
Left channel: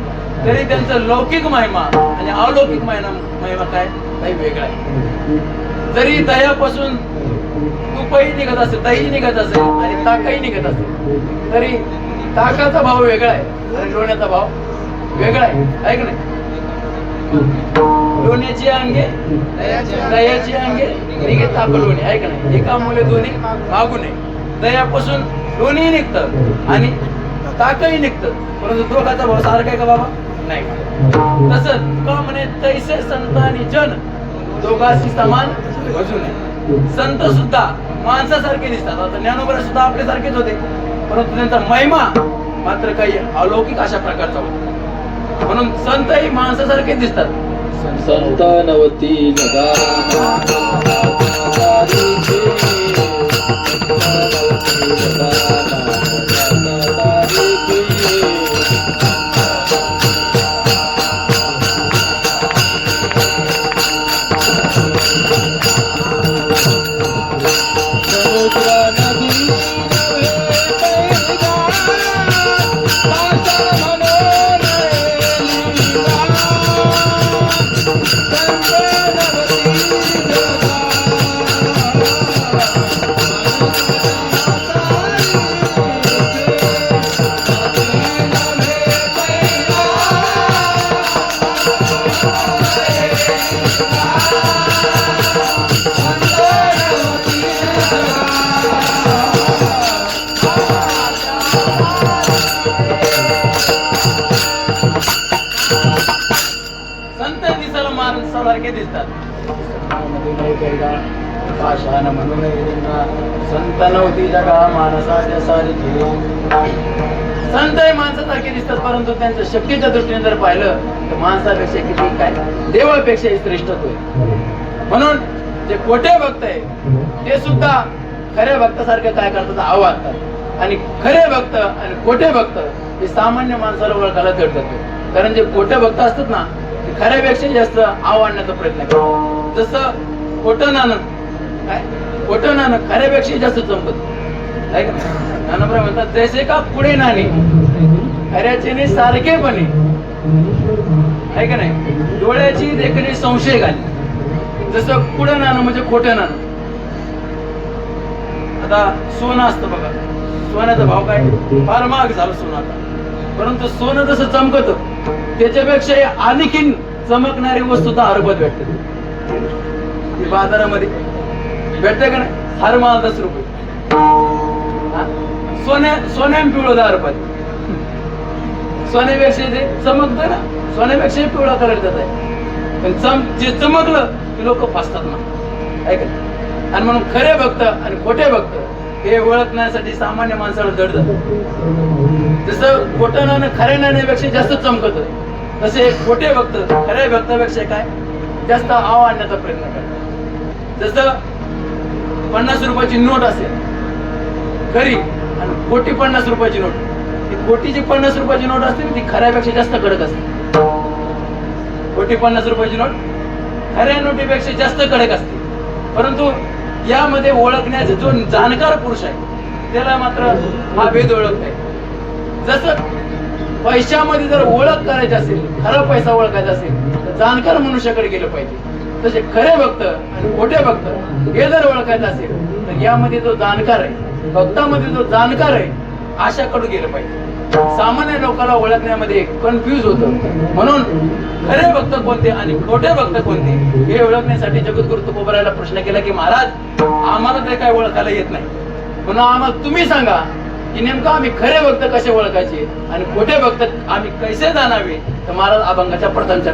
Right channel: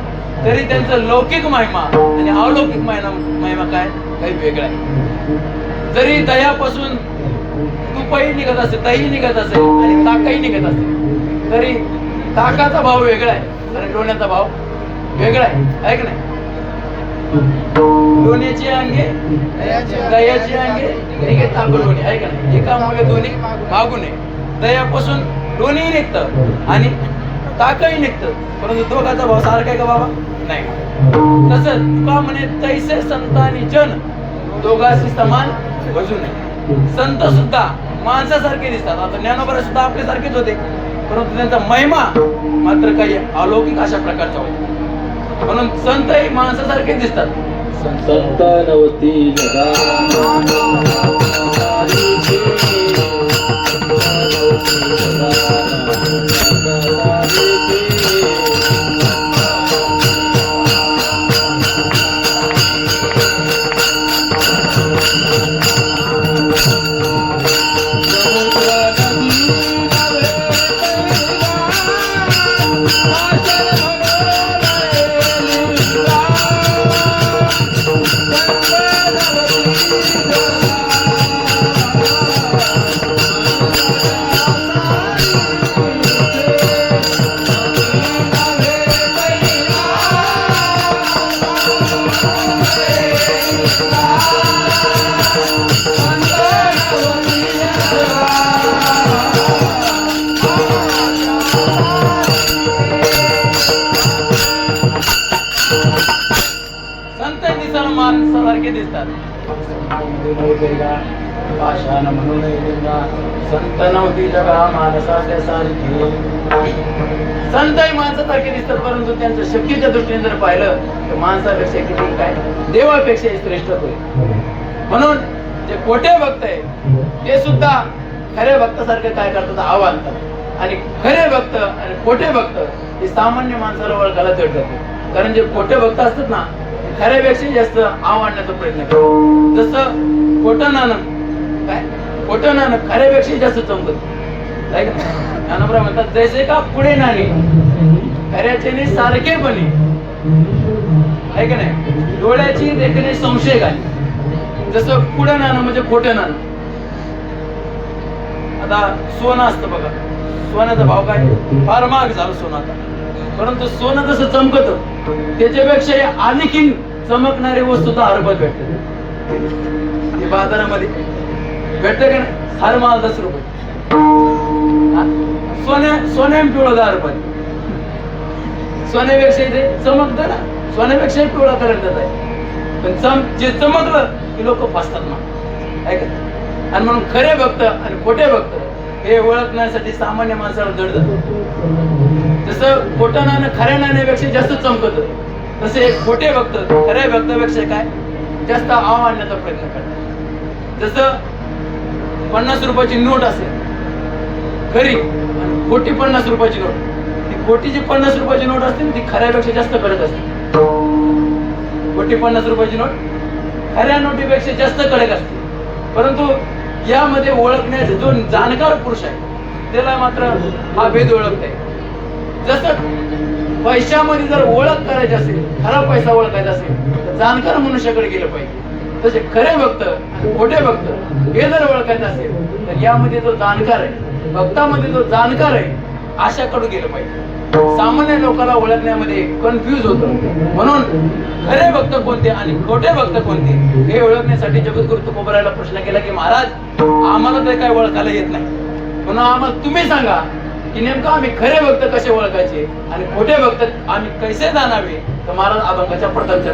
तरी त्यांचं लौकिक महिमा आणि अलौकिक महिमा काय काही वेगळा आहे. जरी दह्यापासून तुपही निघत असेल, दही निघत असेल आणि ताकही निघत असेल तरी ताकाचा भाव वेगळा आहे आणि लोण्याचा भाव वेगळा आहे की नाही? लोण्याची अंगे दह्याची अंगे निघे ताक लोणी आहे की नाही? एका मुले दोन्ही मागू नये. दह्यापासून लोणीही निघतं आणि ताकही निघतं, परंतु दोघाचा भाव सारखा आहे का बाबा? नाही. तसंच तुका म्हणे तैसे संत आणि जन दोघांशी समान वजू नये. संत सुद्धा माणसासारखे दिसतात. आता ज्ञानोबा सुद्धा आपल्यासारखेच होते, परंतु त्यांचा महिमा मात्र काही अलौकिक अशा प्रकारचा होता. म्हणून संतही माणसासारखे दिसतात. संत नवती संत दिसायला माणसासारखे दिसतात. संत नव्हती जगा माणसाच्या सारखी. संतही माणसासारखे दिसतात, परंतु त्यांच्या शक्तीच्या दृष्टीने जर पाहिलं तर माणसापेक्षा किती काय देवापेक्षाही श्रेष्ठ होते. म्हणून जे खोटे भक्त आहे ते सुद्धा खऱ्या भक्तासारखे काय करतात, आव्हानतात. आणि खरे भक्त आणि खोटे भक्त हे सामान्य माणसाला ओळखायला जड जाते. कारण जे खोटे भक्त असतात ना ते खऱ्यापेक्षा जास्त आव्हानाचा प्रयत्न करतात. जसं खोटं नाणं काय, खोटं नाणं खऱ्यापेक्षा जास्त चमकत नाही का. नानप्रभू म्हणतात जैसे का पुढे नाणे खऱ्याचे सारखेपणे आहे का नाही, डोळ्याची देखणे संशय घाली. जसं पुढं नाणं म्हणजे खोटं नाणं. आता सोनं असतं बघा, सोन्याचा भाव काय फार महाग झालं सोनं आता. परंतु सोनं जसं चमकत त्याच्यापेक्षा आणखीन चमकणारी वस्तू तर हरभत भेटते बाजारामध्ये, भेटते का नाही. हर माल 10 रुपये, सोन्या पिवळं 10 रुपये. सोन्यापेक्षा ते चमकतं ना, सोन्यापेक्षा पिवळा कलर देत आहे. पण जे चमकलं की लोक फसतात ना, आहे का. आणि म्हणून खरे भक्त आणि खोटे भक्त हे ओळखण्यासाठी सामान्य माणसाला जड जातं. जसं खोटं नाणं खऱ्या नाण्यापेक्षा जास्त चमकत, तसे खोटे भक्त खऱ्या भक्तापेक्षा काय जास्त आव आणण्याचा प्रयत्न करतात. जसं 50 रुपयाची नोट असेल खरी आणि खोटी 50 रुपयाची नोट, ती खोटीची 50 रुपयाची नोट असते ती खऱ्यापेक्षा जास्त कडक असते. खोटी 50 रुपयाची नोट खऱ्या नोटीपेक्षा जास्त कडक असते. परंतु यामध्ये ओळखण्याचा जो जाणकार पुरुष आहे त्याला मात्र हा भेद ओळखता येईल. जसं पैशामध्ये जर ओळख करायची असेल, खरा पैसा ओळखायचा असेल तर जाणकार मनुष्याकडे गेलं पाहिजे. तसे खरे भक्त आणि खोटे भक्त हे जर ओळखायचं असेल तर यामध्ये जो जाणकार आहे, भक्तामध्ये जो जाणकार आहे अशाकडे गेलं पाहिजे. सामान्य लोकांना ओळखण्यामध्ये कन्फ्युज होतं. म्हणून खरे भक्त कोणते आणि खोटे भक्त कोणते हे ओळखण्यासाठी जगद्गुरु तुकोबरायला प्रश्न केला की महाराज आम्हाला तर काय ओळखायला येत नाही, म्हणून आम्हाला तुम्ही सांगा की नेमकं आम्ही खरे भक्त कसे ओळखायचे आणि खोटे भक्त आम्ही कसे जाणावे. तर महाराज अभंगाच्या पडतांच्या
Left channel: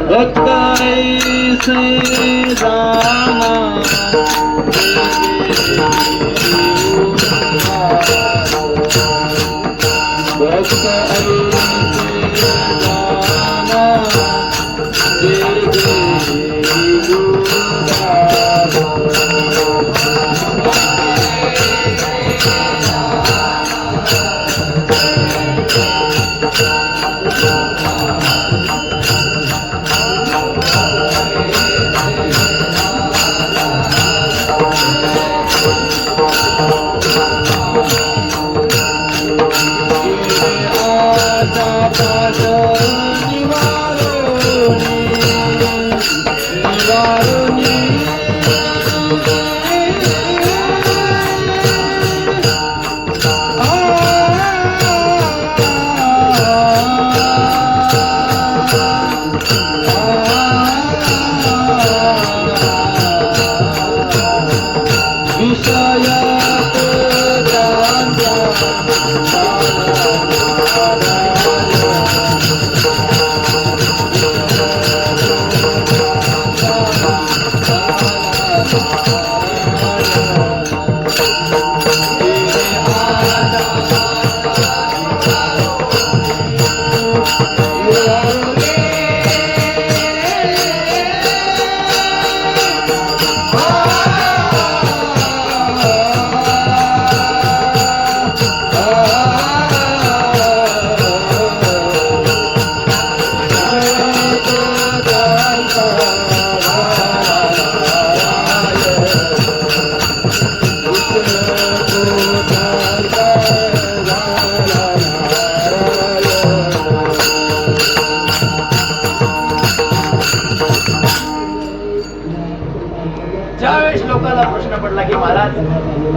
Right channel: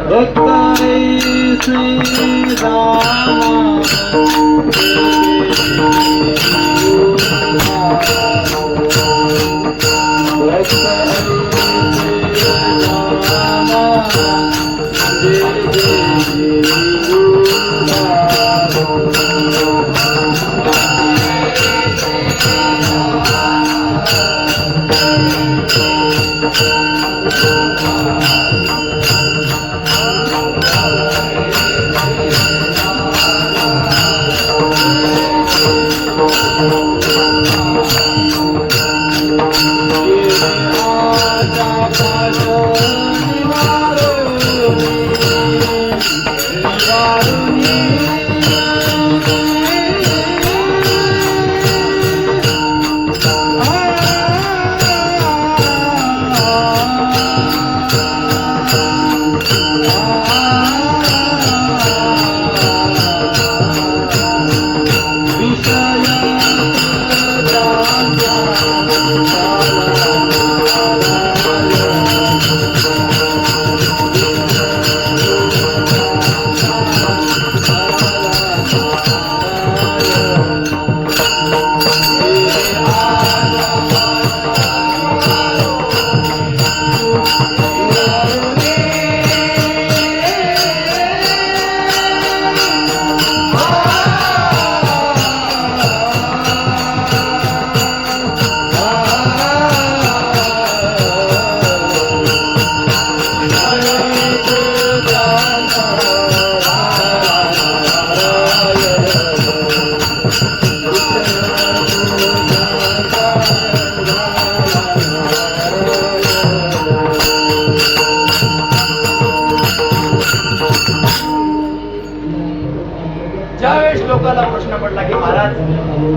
ज्यावेळेस लोकांना प्रश्न पडला की महाराज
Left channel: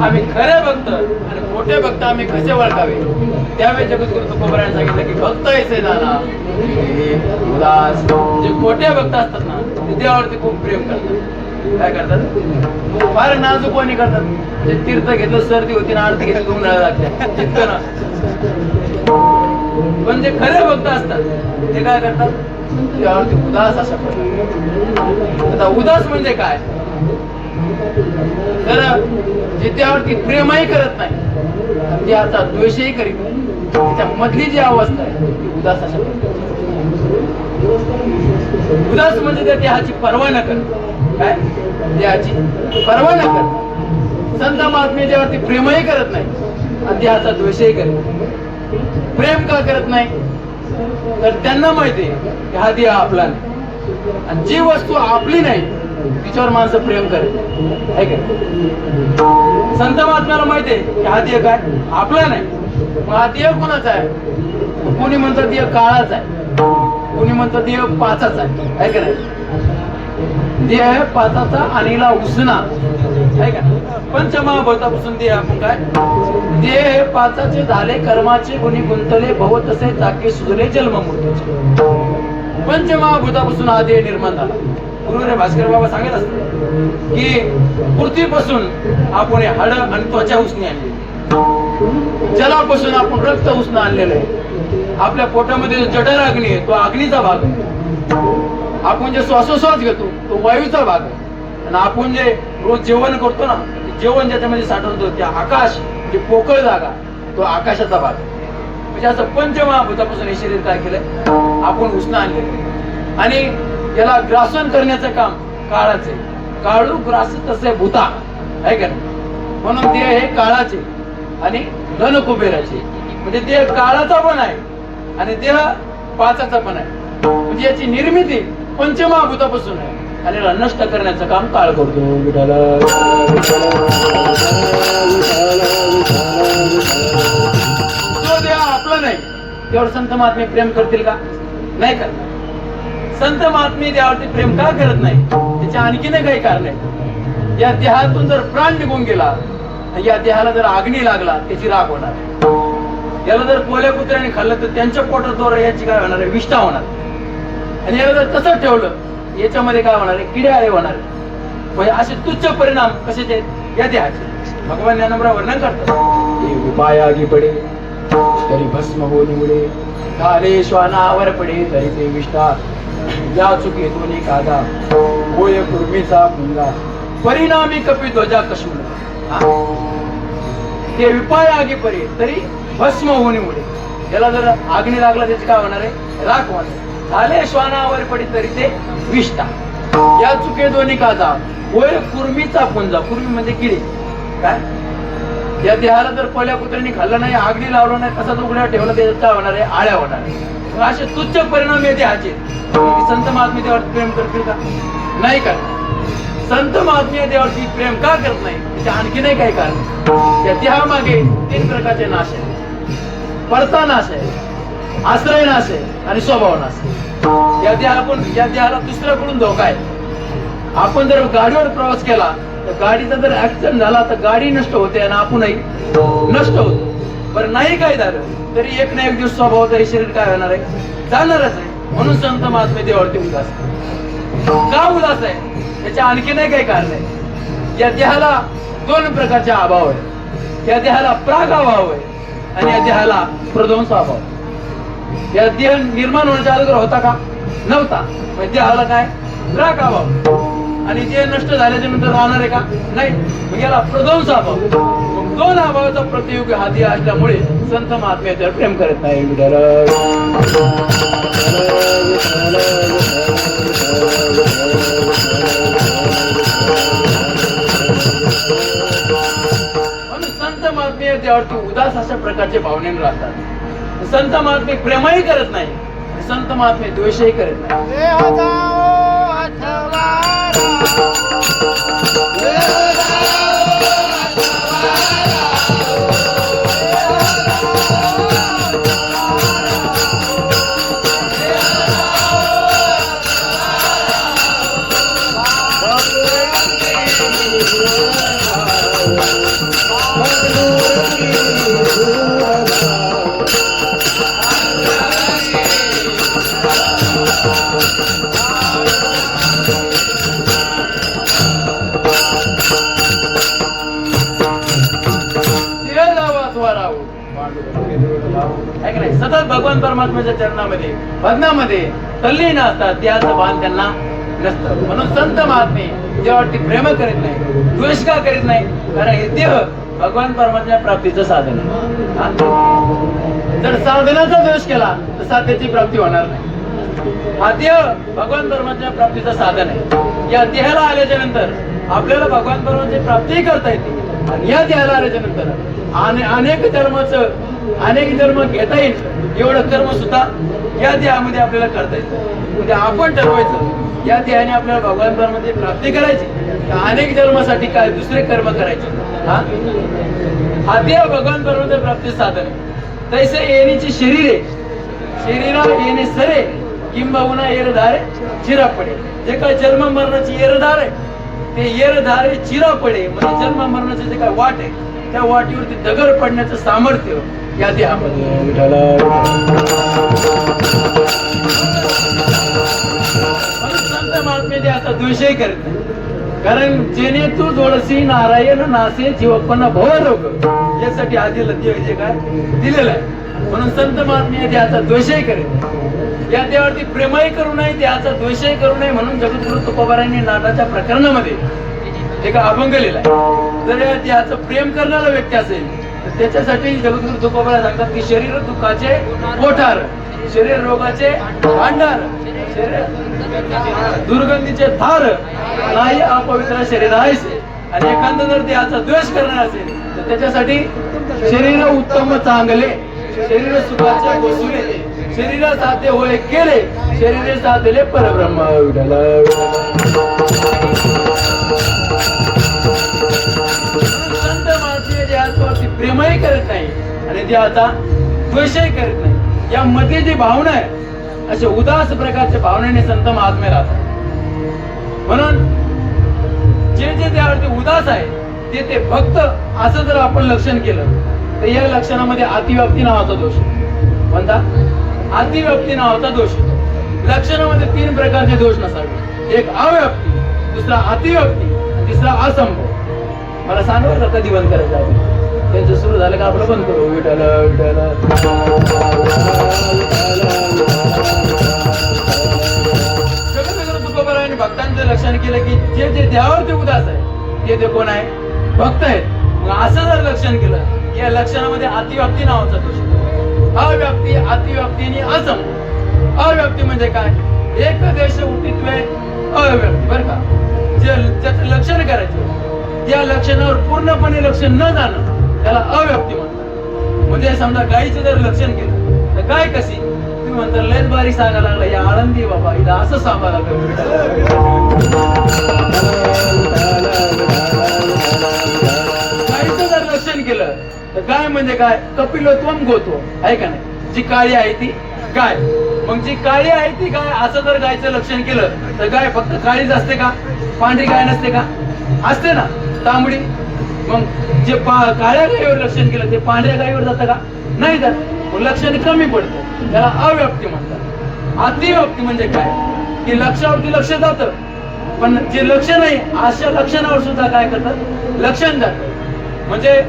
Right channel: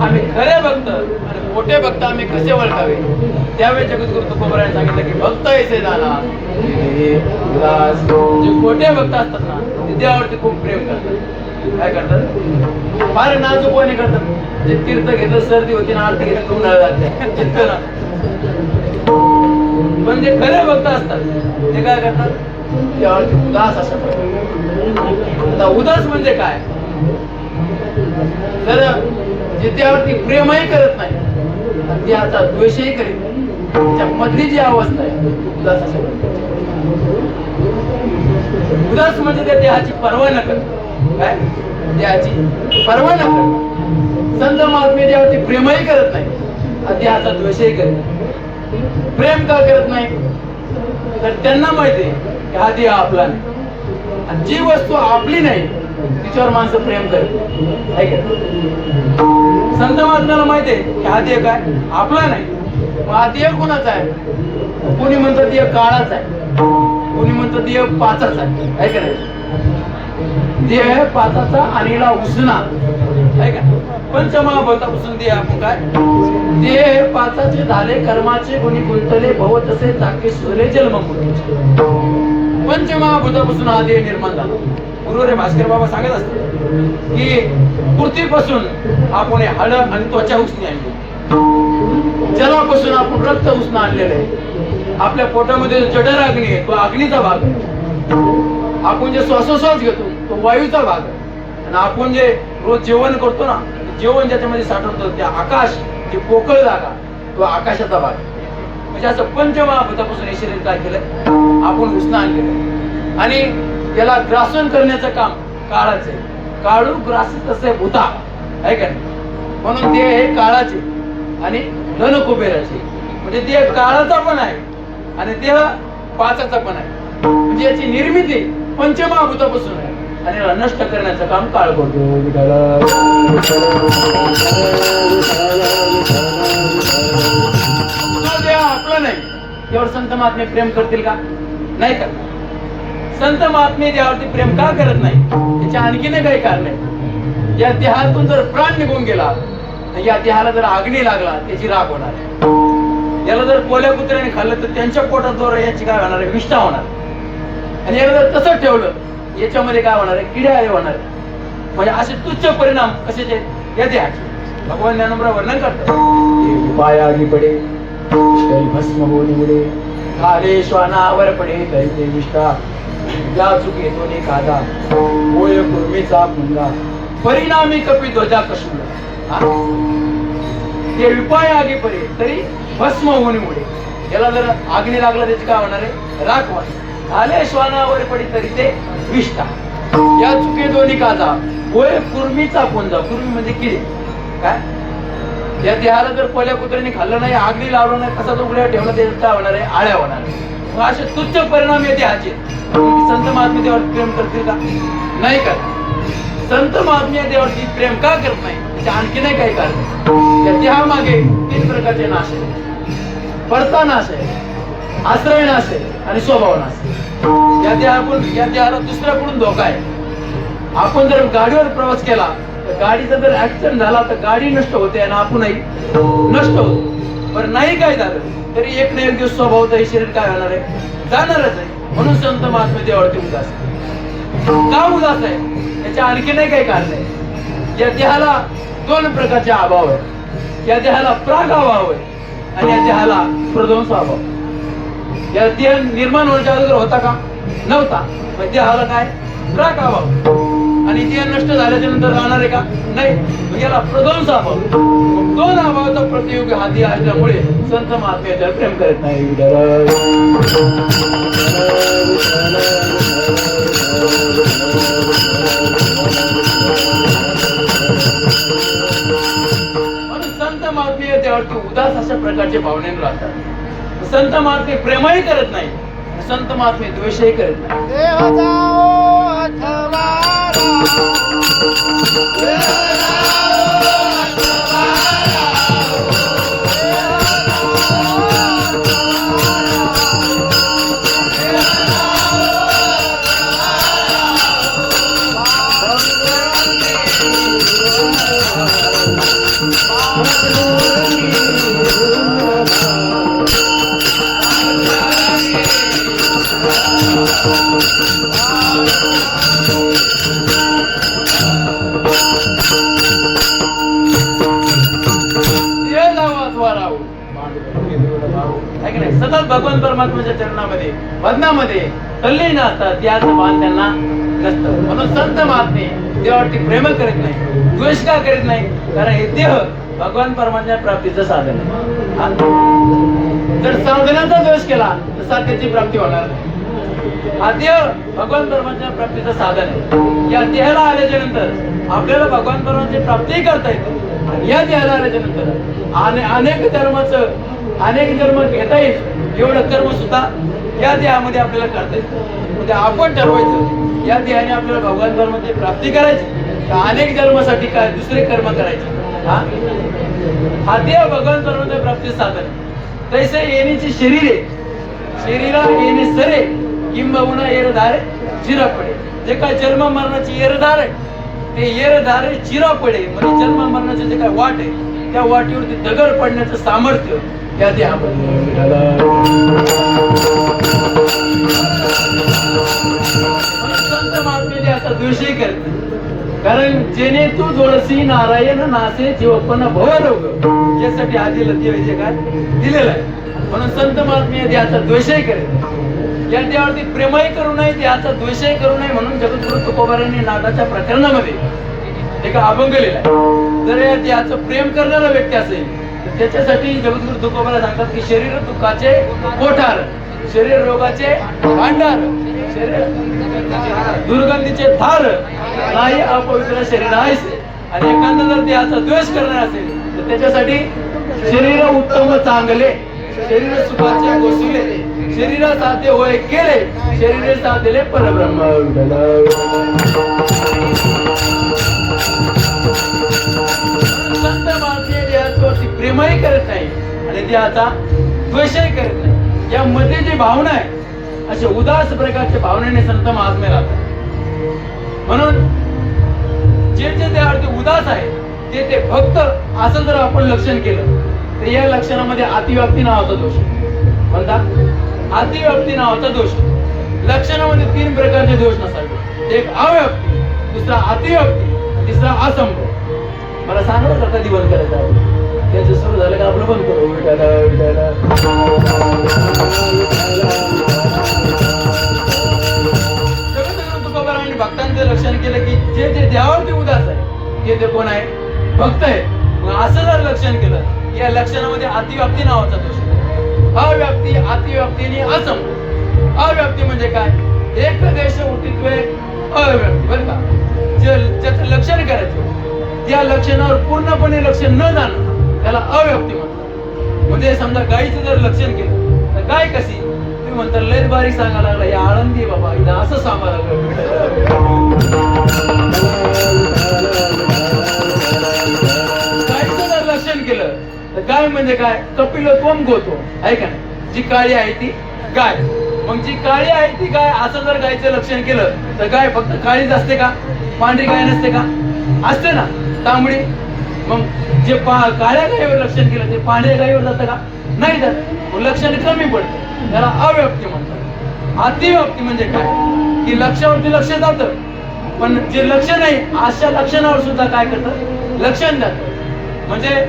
आम्ही खरे भक्त आणि खोटे भक्त आम्ही कसे ओळखावे, त्यावेळेस जगद्गुरु तुकोबरायने सांगितलं की भक्त ऐसे जाना जे खोटे भक्त असतात ना ते देवावरती खूप प्रेम करतात. काय करतात, फार नाजूकपणे करतात. जे तीर्थ घेतलं सर्दी होती ना, आरती घेतली उन्हाळा लागते चित्त ना. पण जे खरे भक्त असतात ते काय करतात, देवावरती उदास असतात. आता उदास म्हणजे काय, तर जे त्यावरती प्रेमही करत नाही, त्याचा द्वेषही करीत नाही, त्याच्या मधली जी अवस्था आहे उदास अशी. उदास म्हणजे त्या देहाची पर्वा न करत. काय देहाची पर्वा न करतात. संत महात्मे देहावरती प्रेमही करत नाही आणि देहाचा द्वेषही करत नाही. प्रेम का करत नाही तर त्यांना माहिती आहे की हा देह आपला नाही आणि जी वस्तू आपली नाही तिच्यावर माणसं प्रेम करत नाही, आहे का? संत महात्म्याला माहिती आहे की हा देह काय आपला नाही. मग हा देह कुणाचा आहे? कोणी म्हणतं देह काळाचा आहे, कोणी म्हणतं देह पाचाचा आहे का नाही? देह आहे पाचाचा आणि हिला उसना, आहे का? पंचमहाभूतापासून देह आपण काय? देह हे पाचाचे झाले कर्माचे गुणी गुंतले भव तसे चाके सुले जन्म मृत्यूचे. पंचमहाभूतापासून हा देह निर्माण झाला. गुरु रे भास्कर बाबा सांगत असतात की पृथ्वीपासून आपण हाड आणि त्वचा उसनी आणली, जलापासून आपण रक्त उसणं आणलेलं आहे. आपल्या पोटामध्ये जो जठर अग्नी आहे तो अग्नीचा भाग आहे. आपण जे श्वासोश्वास घेतो तो वायूचा भाग आहे. आणि आपण जे रोज जेवण करतो ना, जेवण ज्याच्यामध्ये साठवतो त्या आकाश, जे पोकळ जागा तो आकाशाचा भाग आहे. म्हणजे असं पंचमहाभूतापासून हे शरीर काय केलंय आपण उसणं आणलेलं आणि याला ग्रासन करण्याचं काम काळाचं आहे. काळू ग्रास तसे भूता, आहे का? म्हणून देह हे काळाचे आणि धन कुबेराचे. म्हणजे देह काळाचा पण आहे आणि देह पाचाचा पण आहे. म्हणजे याची निर्मिती पंचमहाभूतापासून आहे आणि याला नष्ट करण्याचं काम काळ करतो. जो देह आपला नाही त्यावर संत महात्मे प्रेम करतील का? नाही करणार. संत महात्मे देहावरती प्रेम का करत नाही याचे आणखीन काही कारण आहे. या देहातून जर प्राण निघून गेला तर या देहाला जर आग्नी लागला त्याची राग होणार. याला जर कोल्या कुत्र्याने खाल्लं तर त्यांच्या पोटात जोर याची काय होणार आहे? विष्ठा होणार. आणि याला जर तसंच ठेवलं याच्यामध्ये काय होणार आहे? किडे आळे होणार. म्हणजे असे तुच्छ परिणाम कशाचे? या देहाचे. भगवान ज्ञानोबा वर्णन करतात, पायागी पडे तरी भस्म होऊन मुळे, खाले श्वानावर पडे तरी ते विष्ठा, या चुके दोन्ही कादा होय कुर्मीचा गुंगा, परिणामी कपी ध्वजा कशुला. ते विपाय आगी पडे तरी भस्म होऊन मुळे. याला जर आगनी लागला त्याची काय होणार आहे? राख होणार. झाले श्वानावर पडी तरी ते विष्ठा, या चुके दोन्ही कादा होय कुर्मीचा पुंजा. कुर्मी म्हणजे किडे. काय? या देहाला जर कोल्या कुत्र्याने खाल्लं नाही, आगनी लावलं नाही, कसा उघड्यावर ठेवलं ते काय होणार आहे? आळ्या होणार. मग असे तुच्छ परिणाम या देहाचे. संत महात्मे देवावरती प्रेम करतील का? नाही का? संत महात्मे देवावरती प्रेम का करत नाही त्याचे आणखी नाही काही कारण. या देहामागे 3 प्रकारचे नाश आहे. परता नाश आहे, आश्रय नाश आहे आणि स्वभाव नाश आहे. या देहाला दुसऱ्याकडून धोका आहे. आपण जर गाडीवर प्रवास केला तर गाडीचा जर ऍक्सिडेंट झाला तर गाडी नष्ट होते आणि आपणही नष्ट होतो. बरं नाही काय झालं तरी एक ना एक दिवस स्वभावाचं हे शरीर काय होणार आहे? जाणारच आहे. म्हणून संत महात्मे देवावरती उदास आहे. का उदास आहे याच्या आणखी नाही काही कारण आहे. या देहाला 2 प्रकारचे अभाव आहे. या देहाला प्राग अभाव आहे आणि या देहाला प्रध्वंस अभाव. या देह निर्माण होण्याच्या अगोदर होता का? नव्हता. म्हणजे देहाला काय? प्राग अभाव. आणि देह नष्ट झाल्याच्या नंतर राहणार आहे का? नाही. याला प्रध्वंस अभाव. 2 अभावाचा प्रतियोग हा देह असल्यामुळे संत महात्मे त्यावर प्रेम करत नाही. म्हणून संत महात्मे त्यावरती उदास अशा प्रकारचे भावनेने राहतात. संत महात्मे प्रेमही करत नाही, संत महात्मे द्वेषही करत नाही. सतत भगवान परमात्म्याच्या चरणामध्ये भजनामध्ये तल्लीन असतात. त्याचं भान त्यांना नसतं. म्हणून संत महात्मे देवावरती प्रेम करीत नाही, द्वेष का करीत नाही? कारण हे देह भगवान परमात्म्या प्राप्तीचं साधन आहे. जर साधनाचा द्वेष केला तर साध्याची प्राप्ती होणार नाही. हा देह भगवान परमात्म्या प्राप्तीचं साधन आहे. या देहाला आल्याच्या नंतर आपल्याला भगवान परमात्म्याची प्राप्ती करता येते. आणि या देहाला आल्याच्या नंतर अनेक जन्म घेता येईल एवढं कर्म सुद्धा या देहामध्ये आपल्याला करता येतं. म्हणजे आपण ठरवायचं या देहाने आपल्याला भगवान परमात्म्याची प्राप्ती करायची का अनेक जन्मासाठी काय दुसरे कर्म करायचे. हा देह भगवान परमात्म्याच्या प्राप्तीचे साधन. तैसे येण्याची शरीरे शरीरा येणे सरे किंबहुना येरधारे चिरा पडे. जे काय जन्म मरणाची येरधार आहे ते येरधारे चिरा पडे म्हणजे जन्म मरणाचे जे काय वाट आहे त्या वाटेवरती दगड पडण्याचं सामर्थ्य या देहामध्ये. संत महात्मे देहाचा द्वेषही करत नाही. कारण जेणे तू जोडसी नारायण नासे जीवपण भवरोग ज्यासाठी आधी लती काय दिलेला आहे. म्हणून संत महात्मे देहाचा द्वेषही करेल. या देहावरती प्रेमही करू नये देहाचा द्वेषही करू नये म्हणून जगद्गुरु तुकोबारायांनी नाटाच्या प्रकरणामध्ये एक अभंग लिहिलाय. जर या देहाचं प्रेम करणारा व्यक्ती असेल तर त्याच्यासाठी जगद्गुरु तुकोबारा सांगतात की शरीर दुःखाचे कोठार शरीर रोगाचे भांडार शरीर दुर्गंधीचे धार नाही अपवित्र शरीर आहे. आणि एखादा जर देहाचा द्वेष करणार असेल तर त्याच्यासाठी शरीर उत्तम चांगले शरीर सुखाचे वसुले शरीर साध्य होय केले शरीर साधले परब्रह्म. संत महात्मे देहावरती प्रेमही करत नाही आणि देहाचा द्वेषही करत नाही. यामध्ये जी भावना आहे अशा उदास प्रकारच्या भावनेने संत महात्मे राहतात. म्हणून जे देहावरती उदास आहे ते भक्त असं जर आपण लक्षण केलं तर या लक्षणामध्ये अतिव्याप्ती नावाचा दोष म्हणता. अतिव्याप्ती नावाचा दोष लक्षणामध्ये 3 प्रकारचे दोष नसावे. एक अव्याप्ती दुसरा अतिव्याप्ती तिसरा असंभव. मला सांगा कधी बंद करायचं आहे त्याचं सुरू झालं का आपलं बंद करू. तुकोबारायांनी भक्तांचं लक्षण केलं की जे देहावरती उदास आहे ते कोण आहे भक्त आहे. असं जर लक्षण केलं या लक्षणामध्ये अतिव्याप्ती नावाचा दोष अव्याप्ती अतिव्याप्ती आणि असंभव. अव्याप्ती म्हणजे काय एक देश उठित्व अव्याप्ती बरं का. ज्याचं लक्षण करायचे त्या लक्षणावर पूर्णपणे लक्षण न जाणं त्याला अव्याप्ती म्हणतात. म्हणजे समजा गायीचं जर लक्षण केलं तर गाय कशी तुम्ही म्हणता लयच बारीक सांगायला लागला या आळंदी बाबा इथं असं सांगायला गायीचं जर लक्षण केलं तर गाय म्हणजे काय कपिलत्वम गोतो आहे का नाही. जी काळी आहे ती गाय. मग जी काळी आहे ती गाय असं जर गायचं लक्षण केलं तर गाय फक्त काळीच असते का पांढरी गाय नसते का असते ना तांबडी. मग जे काळ्या गायीवर लक्षण केलं ते पांढऱ्या गायीवर जातं का नाही जात. लक्षण कमी पडतं त्याला अव्याप्ती म्हणतात. अतिव्याप्ती म्हणजे काय की लक्षावरती लक्ष जातं पण जे लक्ष नाही अशा लक्षणावर सुद्धा काय करतात लक्षण जातं. म्हणजे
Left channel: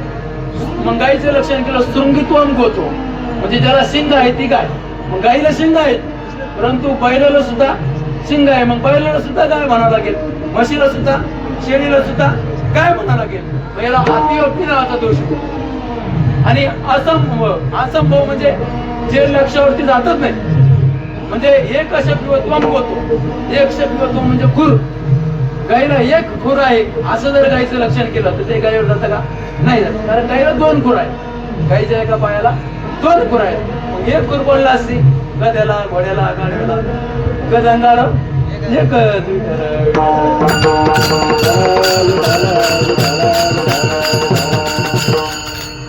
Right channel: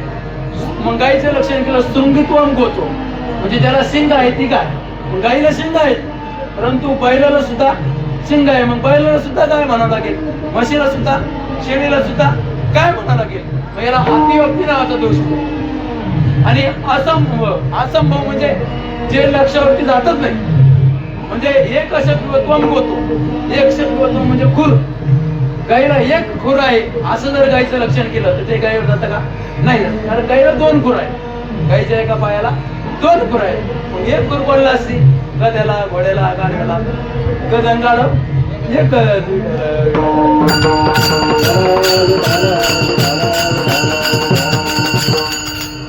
मग गायीचं लक्षण केलं शृंगित्वम गोतो म्हणजे ज्याला शिंग आहे ती गाय. मग गायीला शिंग आहे परंतु बैलाला सुद्धा शिंग आहे मग बैलाला सुद्धा गाय म्हणावं लागेल म्हशीला सुद्धा शेळीला सुद्धा गाय म्हणावं लागेल. मग याला अतिव्याप्ती नावाचा दोष होतो. आणि असंभव म्हणजे जे लक्षावरती जातच नाही. म्हणजे एक अशक्तित्वम होतो एक शक्तित्व म्हणजे खुर. गाईला एक खुर आहे असं जर गाईचं लक्षण केलं तर ते गाईवर जातं का नाही जात. कारण गाईला 2 खुर आहे. गाईच्या एका पायाला 2 खुर आहेत. एक खुर पडला असते गद्याला घोड्याला गाड्याला गदंगाळ एक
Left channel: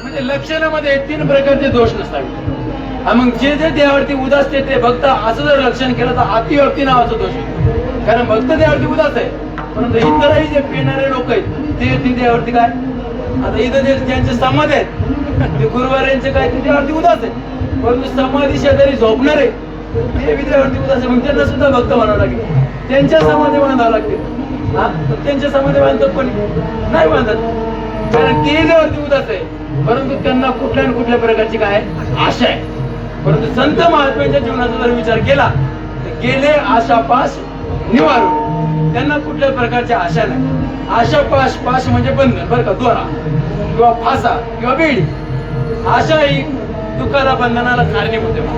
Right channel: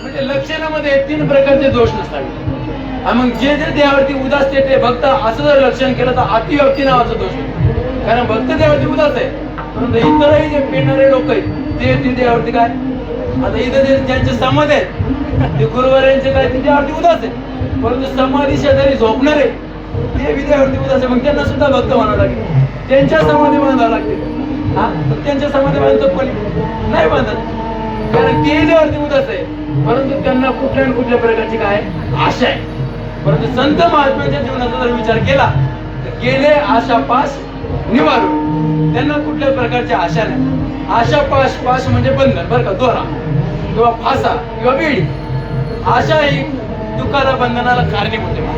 म्हणजे लक्षणामध्ये 3 प्रकारचे दोष नसतात. मग जे देहावरती उदास ते भक्त असं जर लक्षण केलं तर अतिव्याप्ती नावाचा दोष. कारण भक्त देहावरती उदास आहे परंतु इतरही जे पेणारे लोक आहेत ते देहावरती काय आता इथं ज्यांचे समाधी आहेत ते गुरुवारांचे काय ते देहावरती उदास आहे परंतु समाधी शेजारी झोपणारे ते विद्यावरती उदास आहे. मग त्यांना सुद्धा भक्त म्हणावं लागेल. त्यांच्या समाधी बांधावं लागते. त्यांच्या समाधी बांधतात पण नाही बांधत कारण ते देहावरती उदास आहे परंतु त्यांना कुठल्या प्रकारची काय आशा आहे. परंतु संत महात्म्याच्या जीवनाचा जर विचार केला तर गेले आशापाश निवारून त्यांना कुठल्याच प्रकारची आशा नाही. आशापाश पाश म्हणजे बंधन बरं का दोरा किंवा फासा किंवा बेडी. आशा ही दुःखाला बंधनाला कारणीभूत आहे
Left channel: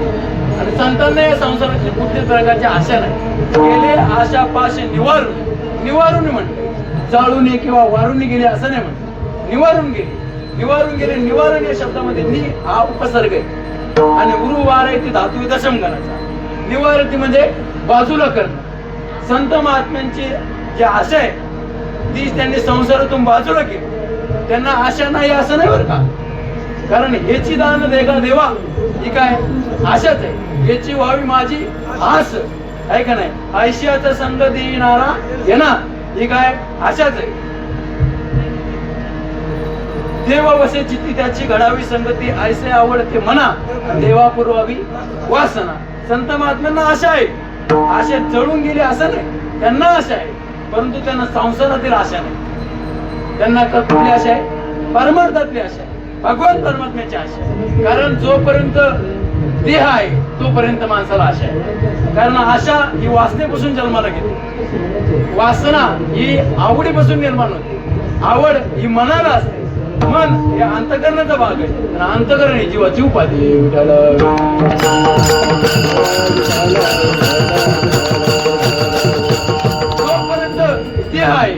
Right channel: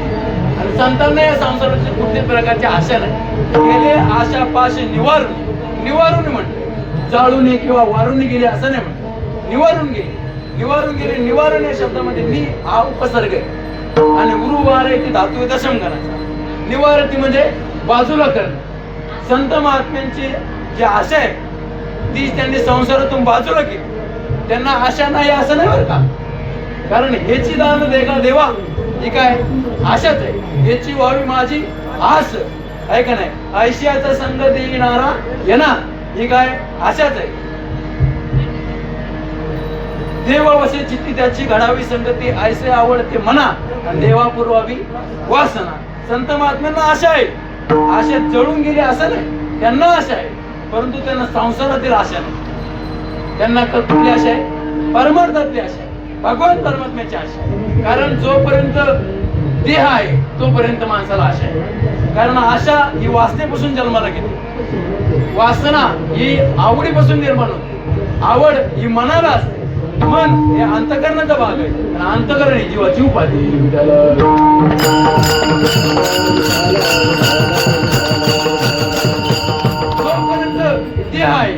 आणि संतांना या संसाराची कुठल्याच प्रकारची आशा नाही. गेले आशापाश निवारून म्हणते जाळून किंवा वारून गेले असं नाही म्हणत, निवारून गेले. निवारून गेले, निवारण या शब्दामध्ये नि हा उपसर्ग आहे आणि उरुवार आहे ती धातू आहे दशमगणाचा. निवारती म्हणजे बाजूला करणं. संत महात्म्यांची जी आशा आहे ती त्यांनी संसारातून बाजूला केली. त्यांना आशा नाही असं नाही बरं का, कारण हेची दान देगा देवा ही काय आशाच आहे. हेची व्हावी माझी आस आहे का नाही. आयशियाचा संग देणारा येणार ही काय आशाच आहे. देवा वसे चित्ती त्याची घडावी संगती ऐसे आवडते मना देवा पुरवावी वासना. संत महात्म्यांना आशा आहे, आशा जळून गेली असं नाही, त्यांना आशा आहे परंतु त्यांना संसारातील आशा नाही. त्यांना कुठली आशा आहे, परमार्थातली आशा आहे, भगवान परमात्म्याची आशा आहे. कारण जोपर्यंत देह आहे तोपर्यंत माणसाला आशा आहे. कारण आशा ही वासनेपासून जन्माला घेते, वासना ही आवडीपासून निर्माण होते, आवड ही मनाला असते. मन हे अंतकरणाचा भाग आहे आणि अंतकरण ही जीवाची उपाधी. जोपर्यंत देह आहे,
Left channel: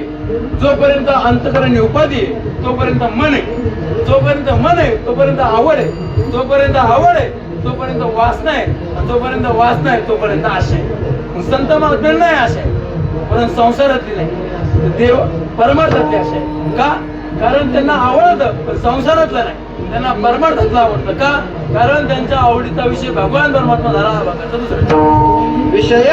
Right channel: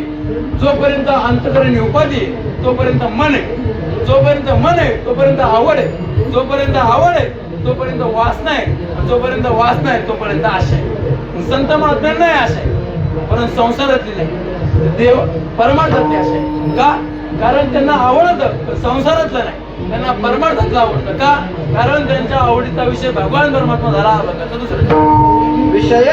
जोपर्यंत अंतकरण ही उपाधी आहे तोपर्यंत मन आहे, जोपर्यंत मन आहे तोपर्यंत आवड आहे, जोपर्यंत आवड आहे तोपर्यंत वासना आहे, जोपर्यंत वासना आहे तोपर्यंत आशा आहे. संत महात्म्यांना आशा आहे परंतु संसारातली नाही, देव परमार्थातली आशा आहे. का? कारण त्यांना आवडतं पण संसारातलं नाही, त्यांना परमार्थातलं आवडतं. का? कारण त्यांच्या आवडीचा विषय भगवान परमात्मा झाला. बघा दुसरा विषय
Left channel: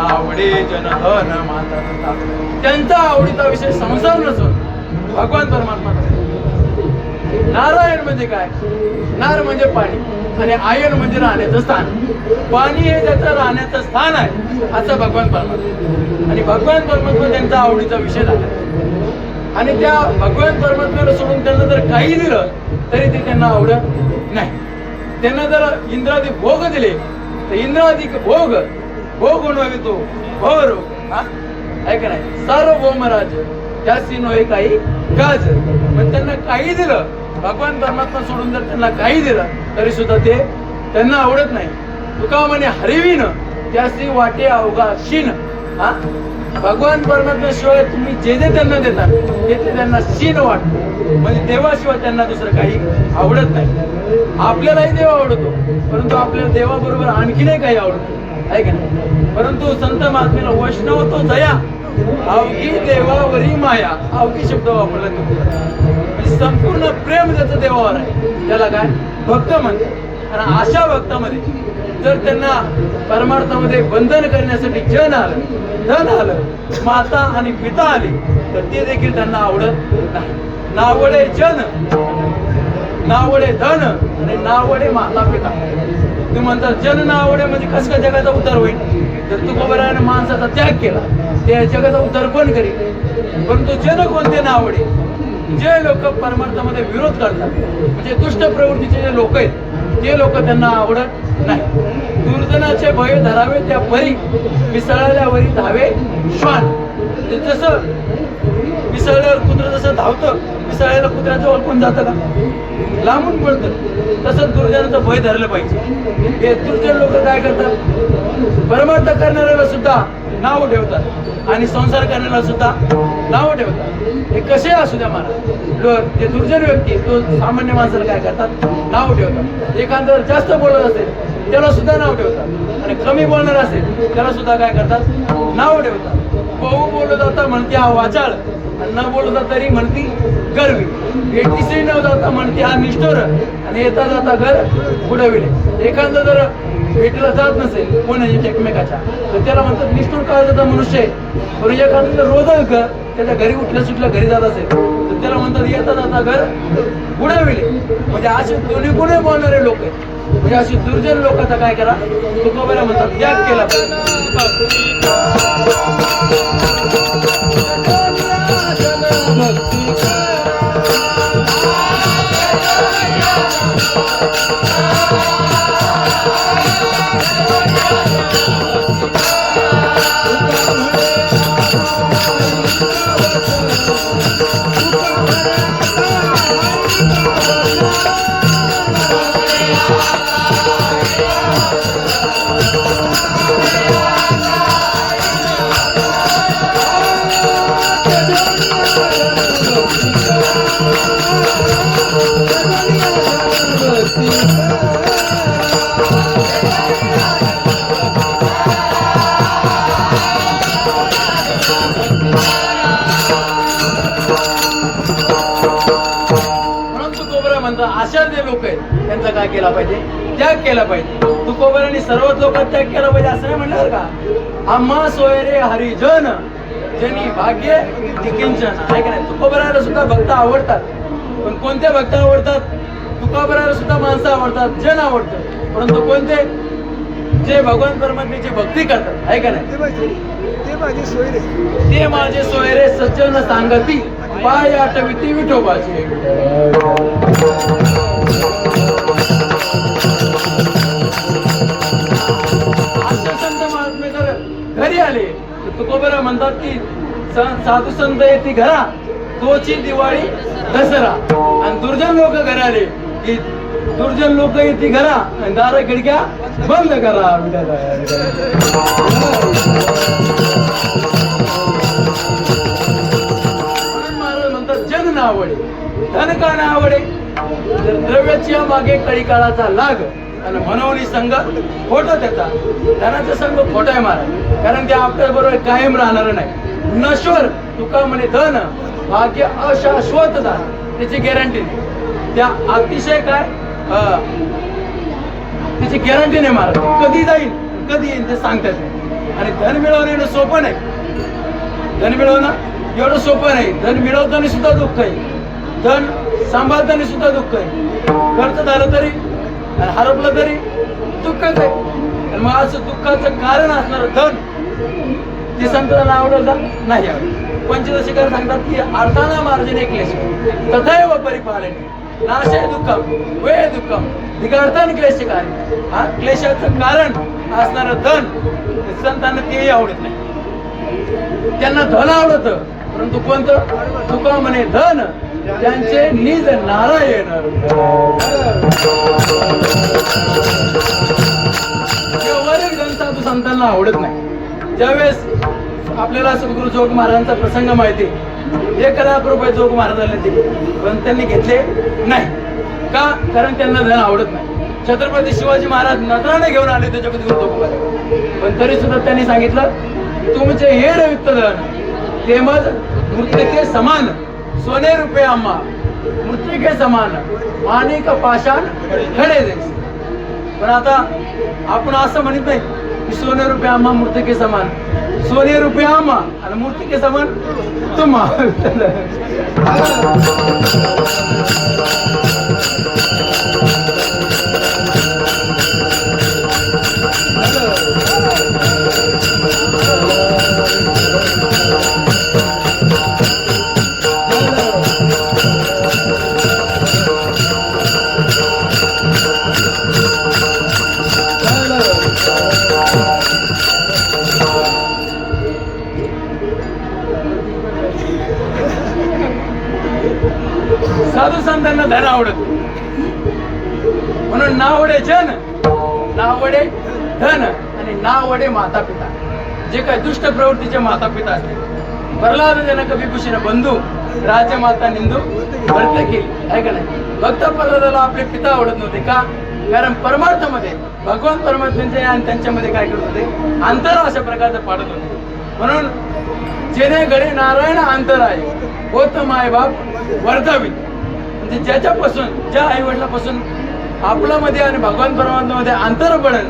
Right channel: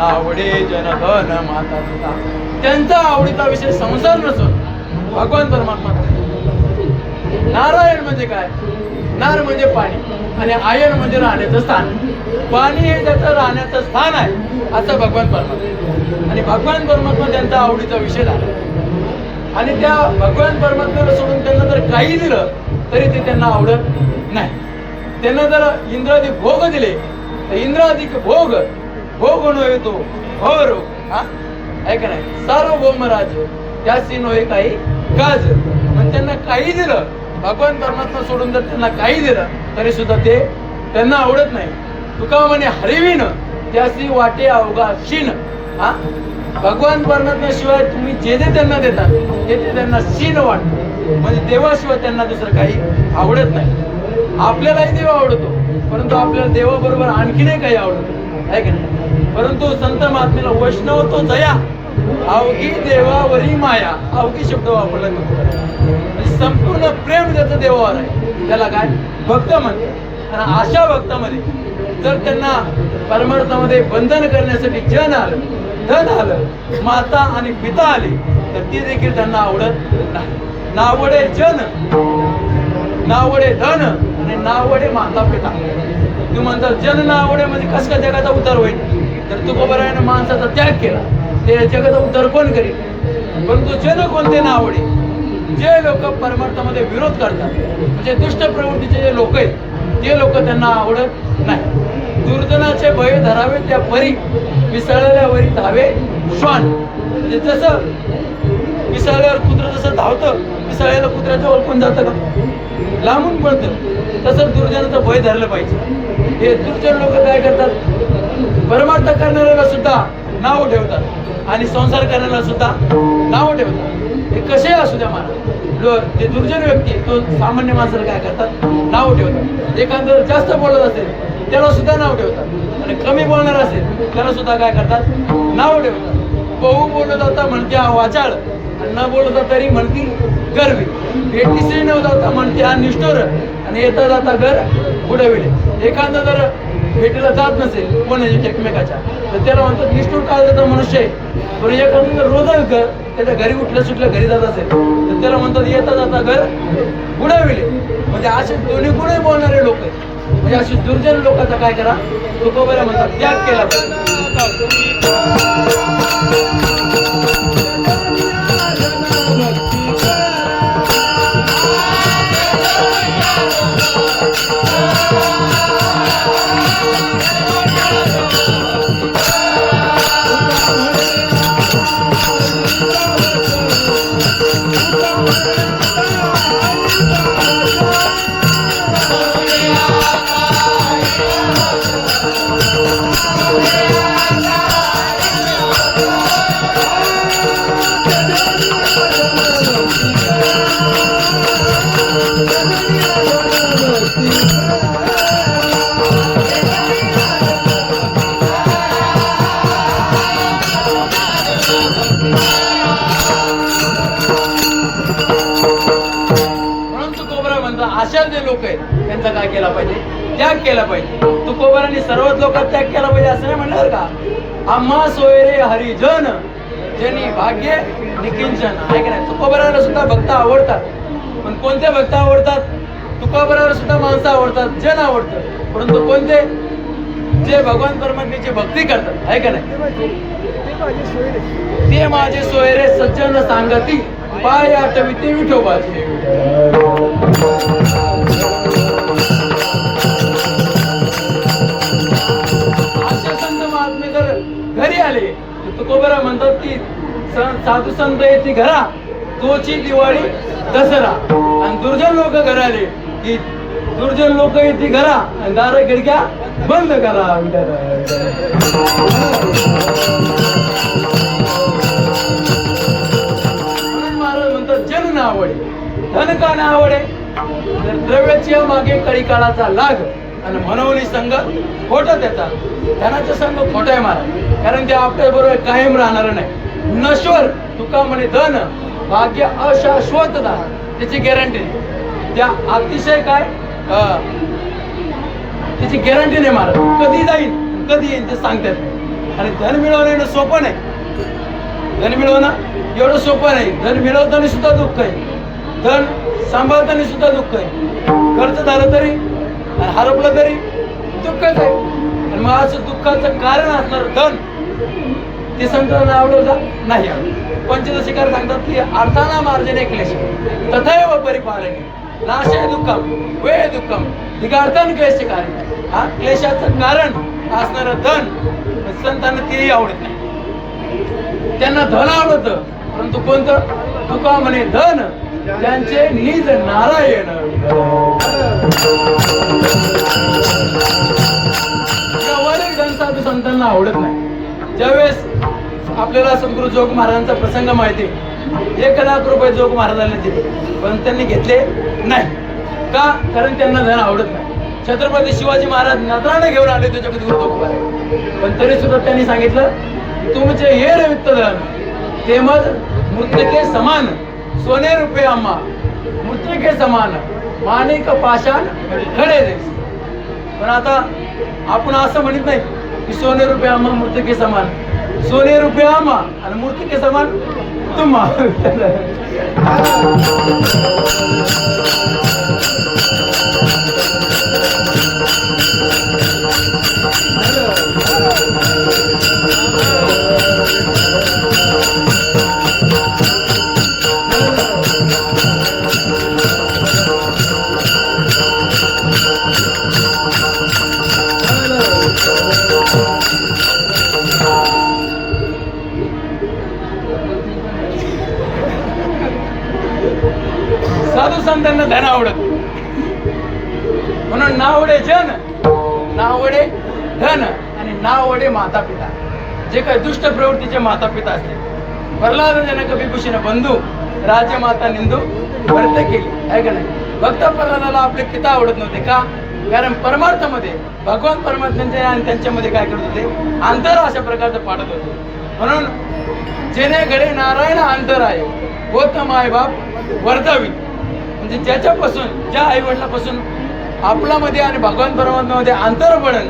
आवडे जनधन माता. त्यांचा आवडीचा विषय संसार नसून भगवान परमात्मा. नारायण म्हणजे काय? नार म्हणजे पाणी आणि आयन म्हणजे राहण्याचं स्थान. पाणी हे त्याचं राहण्याचं स्थान आहे असं भगवान परमात्मा. आणि भगवान परमात्मा त्यांचा आवडीचा विषय झाला आणि त्या भगवान परमात्म्याला सोडून त्यांना जर काही दिलं तरी ते त्यांना आवडत नाही. त्यांना जर इंद्रादी भोग दिले तर इंद्राधिक भोग भोग नव्हे तो भवर आहे का नाही. सार्वभौम राज त्याची नव्हे काही गाज. पण त्यांना काही दिलं, भगवान परमात्मा सोडून जर त्यांना काही दिलं तरी सुद्धा ते त्यांना आवडत नाही. तुका म्हणे हरिवीन त्याची वाटे अवघा शीन. भगवान परमात्म्याशिवाय तुम्ही जे जे त्यांना देतात ते त्यांना शीन वाटतं. म्हणजे देवाशिवाय त्यांना दुसरं काही आवडत नाही. आपल्यालाही देव आवडतो परंतु आपल्याला देवाबरोबर आणखीनही काही आवडतं आहे का नाही. परंतु संत महात्म्याला वैष्णव तो जया अवघी देवावरी माया. अवघी शब्द वापरला की संपूर्ण प्रेम ज्याचं देवावर आहे त्याला काय भक्त म्हणते. आणि अशा भक्तामध्ये जर त्यांना परमार्थामध्ये बंधन करण्यासाठी जन आलं, धन आलं, माता आणि पिता आली तर ते देखील त्यांना आवडत नाही. नावडे जन, नावडे धन आणि नावडे माता पिता. तुम्ही म्हणतात जन नावडे म्हणजे कसं काय जगाचा उद्धार होईल. तर तुकोबारायाने माणसाचा त्याग केला ते जगाचा उद्धार कोण करेल. परंतु जन कोणते नावडे? जे लोक परमार्थामध्ये विरोध करतात म्हणजे दुष्ट प्रवृत्तीचे जे लोक आहेत ते लोक त्यांना आवडत नाही. दुर्जनाचे भय धरावे त्या परी मिसळल्यावरी धावे श्वान. म्हणजे जसं मिसळल्यावर कुत्रं जसं धावतं, मिसळलेलं कुत्र्याजवळ कोण जातं का? लांबून पळतं. तसंच दुर्जनाचं भय धरलं पाहिजे. हे दुर्जन लोक काय करतात? परमार्थ करणाऱ्याला सुद्धा नाव ठेवतात आणि संसार करण्याला सुद्धा नाव ठेवतात. हे कसे असू द्या मला, जे दुर्जन व्यक्ती तो सामान्य माणसाला काय करतात? नाव ठेवतात. एखाद्यावर जास्त बोलत असेल त्याला सुद्धा नाव ठेवतात आणि कमी बोलणार असेल त्याला सुद्धा काय करतात? नाव ठेवतात. बहु बोलत जाता म्हणते हा वाचाळ, आणि न बोलता तरी म्हणती गर्वी. भेटीशी न जाता म्हणते हा निष्ठुर, आणि येता जाता घर बुडविले. एखादं जर भेटीला जात नसेल कोणाची एकमेकाच्या, तर त्याला म्हणतात निष्ठुर काळजाचा मनुष्य आहे. पण एखादं जर रोजच त्याच्या घरी उठलं सुटलं घरी जात असेल तर त्याला म्हणतात येता जाता घर बुडविले. म्हणजे असे दोन्ही गुणे बोलणारे लोक आहेत. म्हणजे अशी दुर्जन लोकांचा काय करा? तुकोबाला म्हणतात त्याग केला अशा जे लोक आहेत त्यांचा काय केला पाहिजे? त्याग केला पाहिजे. तुकोबारांनी सर्वच लोकांत त्याग केला पाहिजे असं नाही म्हणणार का? आम्हा सोयरे हरिजन ज्यांनी भाग्य निकिंचन. आहे का नाही? तुकोबाराला सुद्धा भक्त आवडतात. पण कोणते भक्त आवडतात? तुकोबाराला सुद्धा माणसं आवडतात, जन आवडतं. परंतु कोणते? जे भगवान परमात्म्याची भक्ती करतात. आहे का नाही? ते माझे सोयरे सज्जन सांगती, पाय आठविती विठोबाचे. असे संत महात्मे जर घरी आले तुकोबारा म्हणतात की साधू संत येते घरा तोची दिवाळी दसरा. आणि दुर्जन लोक घरी आले की दुर्जन लोक येते घरा आणि दार खिडक्या बंद करा. म्हणून महाराज म्हणतात जन ना आवडे धन का ना आवडे. तर द्रव्याच्या मागे कळी काळाचा लाग आणि मनोवली संघ खोटा त्याचा. धनाचा संघ खोटा आहे महाराज, कारण ते आपल्या बरोबर कायम राहणार नाही. नश्वर तुका म्हणे धन भाग्य अशाश्वत धन, त्याची गॅरंटी नाही. त्या अतिशय काय त्याची गॅरंटी नाही महाराज. कधी जाईल कधी येईल ते सांगतात. आणि धन मिळवणं सोपं नाही. धन मिळवणं एवढं सोपं नाही. धन मिळवताना सुद्धा दुःख आहे, धन सांभाळताना सुद्धा दुःख आहे. खर्च झालं तरी हरपलं तरी दुःखच आहे. आणि मग असं दुःखाचं कारण असणार धन ते संतांना आवडलं नाही. पंचदशिकार सांगतात की अर्थाना मार्जने क्लेश तथैव परिपालने नाशय दुःखम वे दुःखम दिगार्थन क्लेश कार्य. हा क्लेशाचं कारण असणारं धन संतांना तेही आवडत नाही. त्यांना धन आवडतं, परंतु कोणतं? तुका म्हणे धन त्यांचे निज नारायण. वरील धन साधू संतांना आवडत नाही. ज्यावेळेस आपल्याला सद्गुरू जोग महाराजांचा प्रसंग माहिती, 1,00,000 जोग महाराजांना दिले पण त्यांनी घेतले नाही. का? कारण त्यांना धन आवडत नाही. छत्रपती शिवाजी महाराज नजराने घेऊन आले त्याच्या पण तरी सुद्धा त्यांनी सांगितलं तुमचे हे रिक्त धन ते मग मृत्तिके समान सोने रुपये आम्हा मृत्तिके समान माणिक पाषाण खडे जैसे. पण आता आपण असं म्हणत नाही की सोने रुपये आम्हा मृत्तिके समान. सोने रुपये आम्हा आणि मृत्तिके समान तुम्हा. साधू संतांना धन आवडत, म्हणून नावडे जन, नावडे धन आणि नावडे माता पिता. जे काही दुष्ट प्रवृत्तीचे माता पिता असतील, प्रल्हाद जनक विभूषण बंधू राजमाता निंदू वर्त केली आहे का नाही. भक्त प्रल्हादाला आपले पिता आवडत नव्हते का? कारण परमार्थामध्ये भगवान परमात्म्यांचे आणि त्यांच्यामध्ये काय करत होते, अंतर अशा प्रकारचं पाडत होते. म्हणून जेणे गळे नारायण अंतर आहे होत माय बाप वर्धावी, म्हणजे ज्याच्यापासून, ज्या आई वडिलापासून आपल्यामध्ये आणि भगवान परमात्म्यामध्ये अंतर पडेल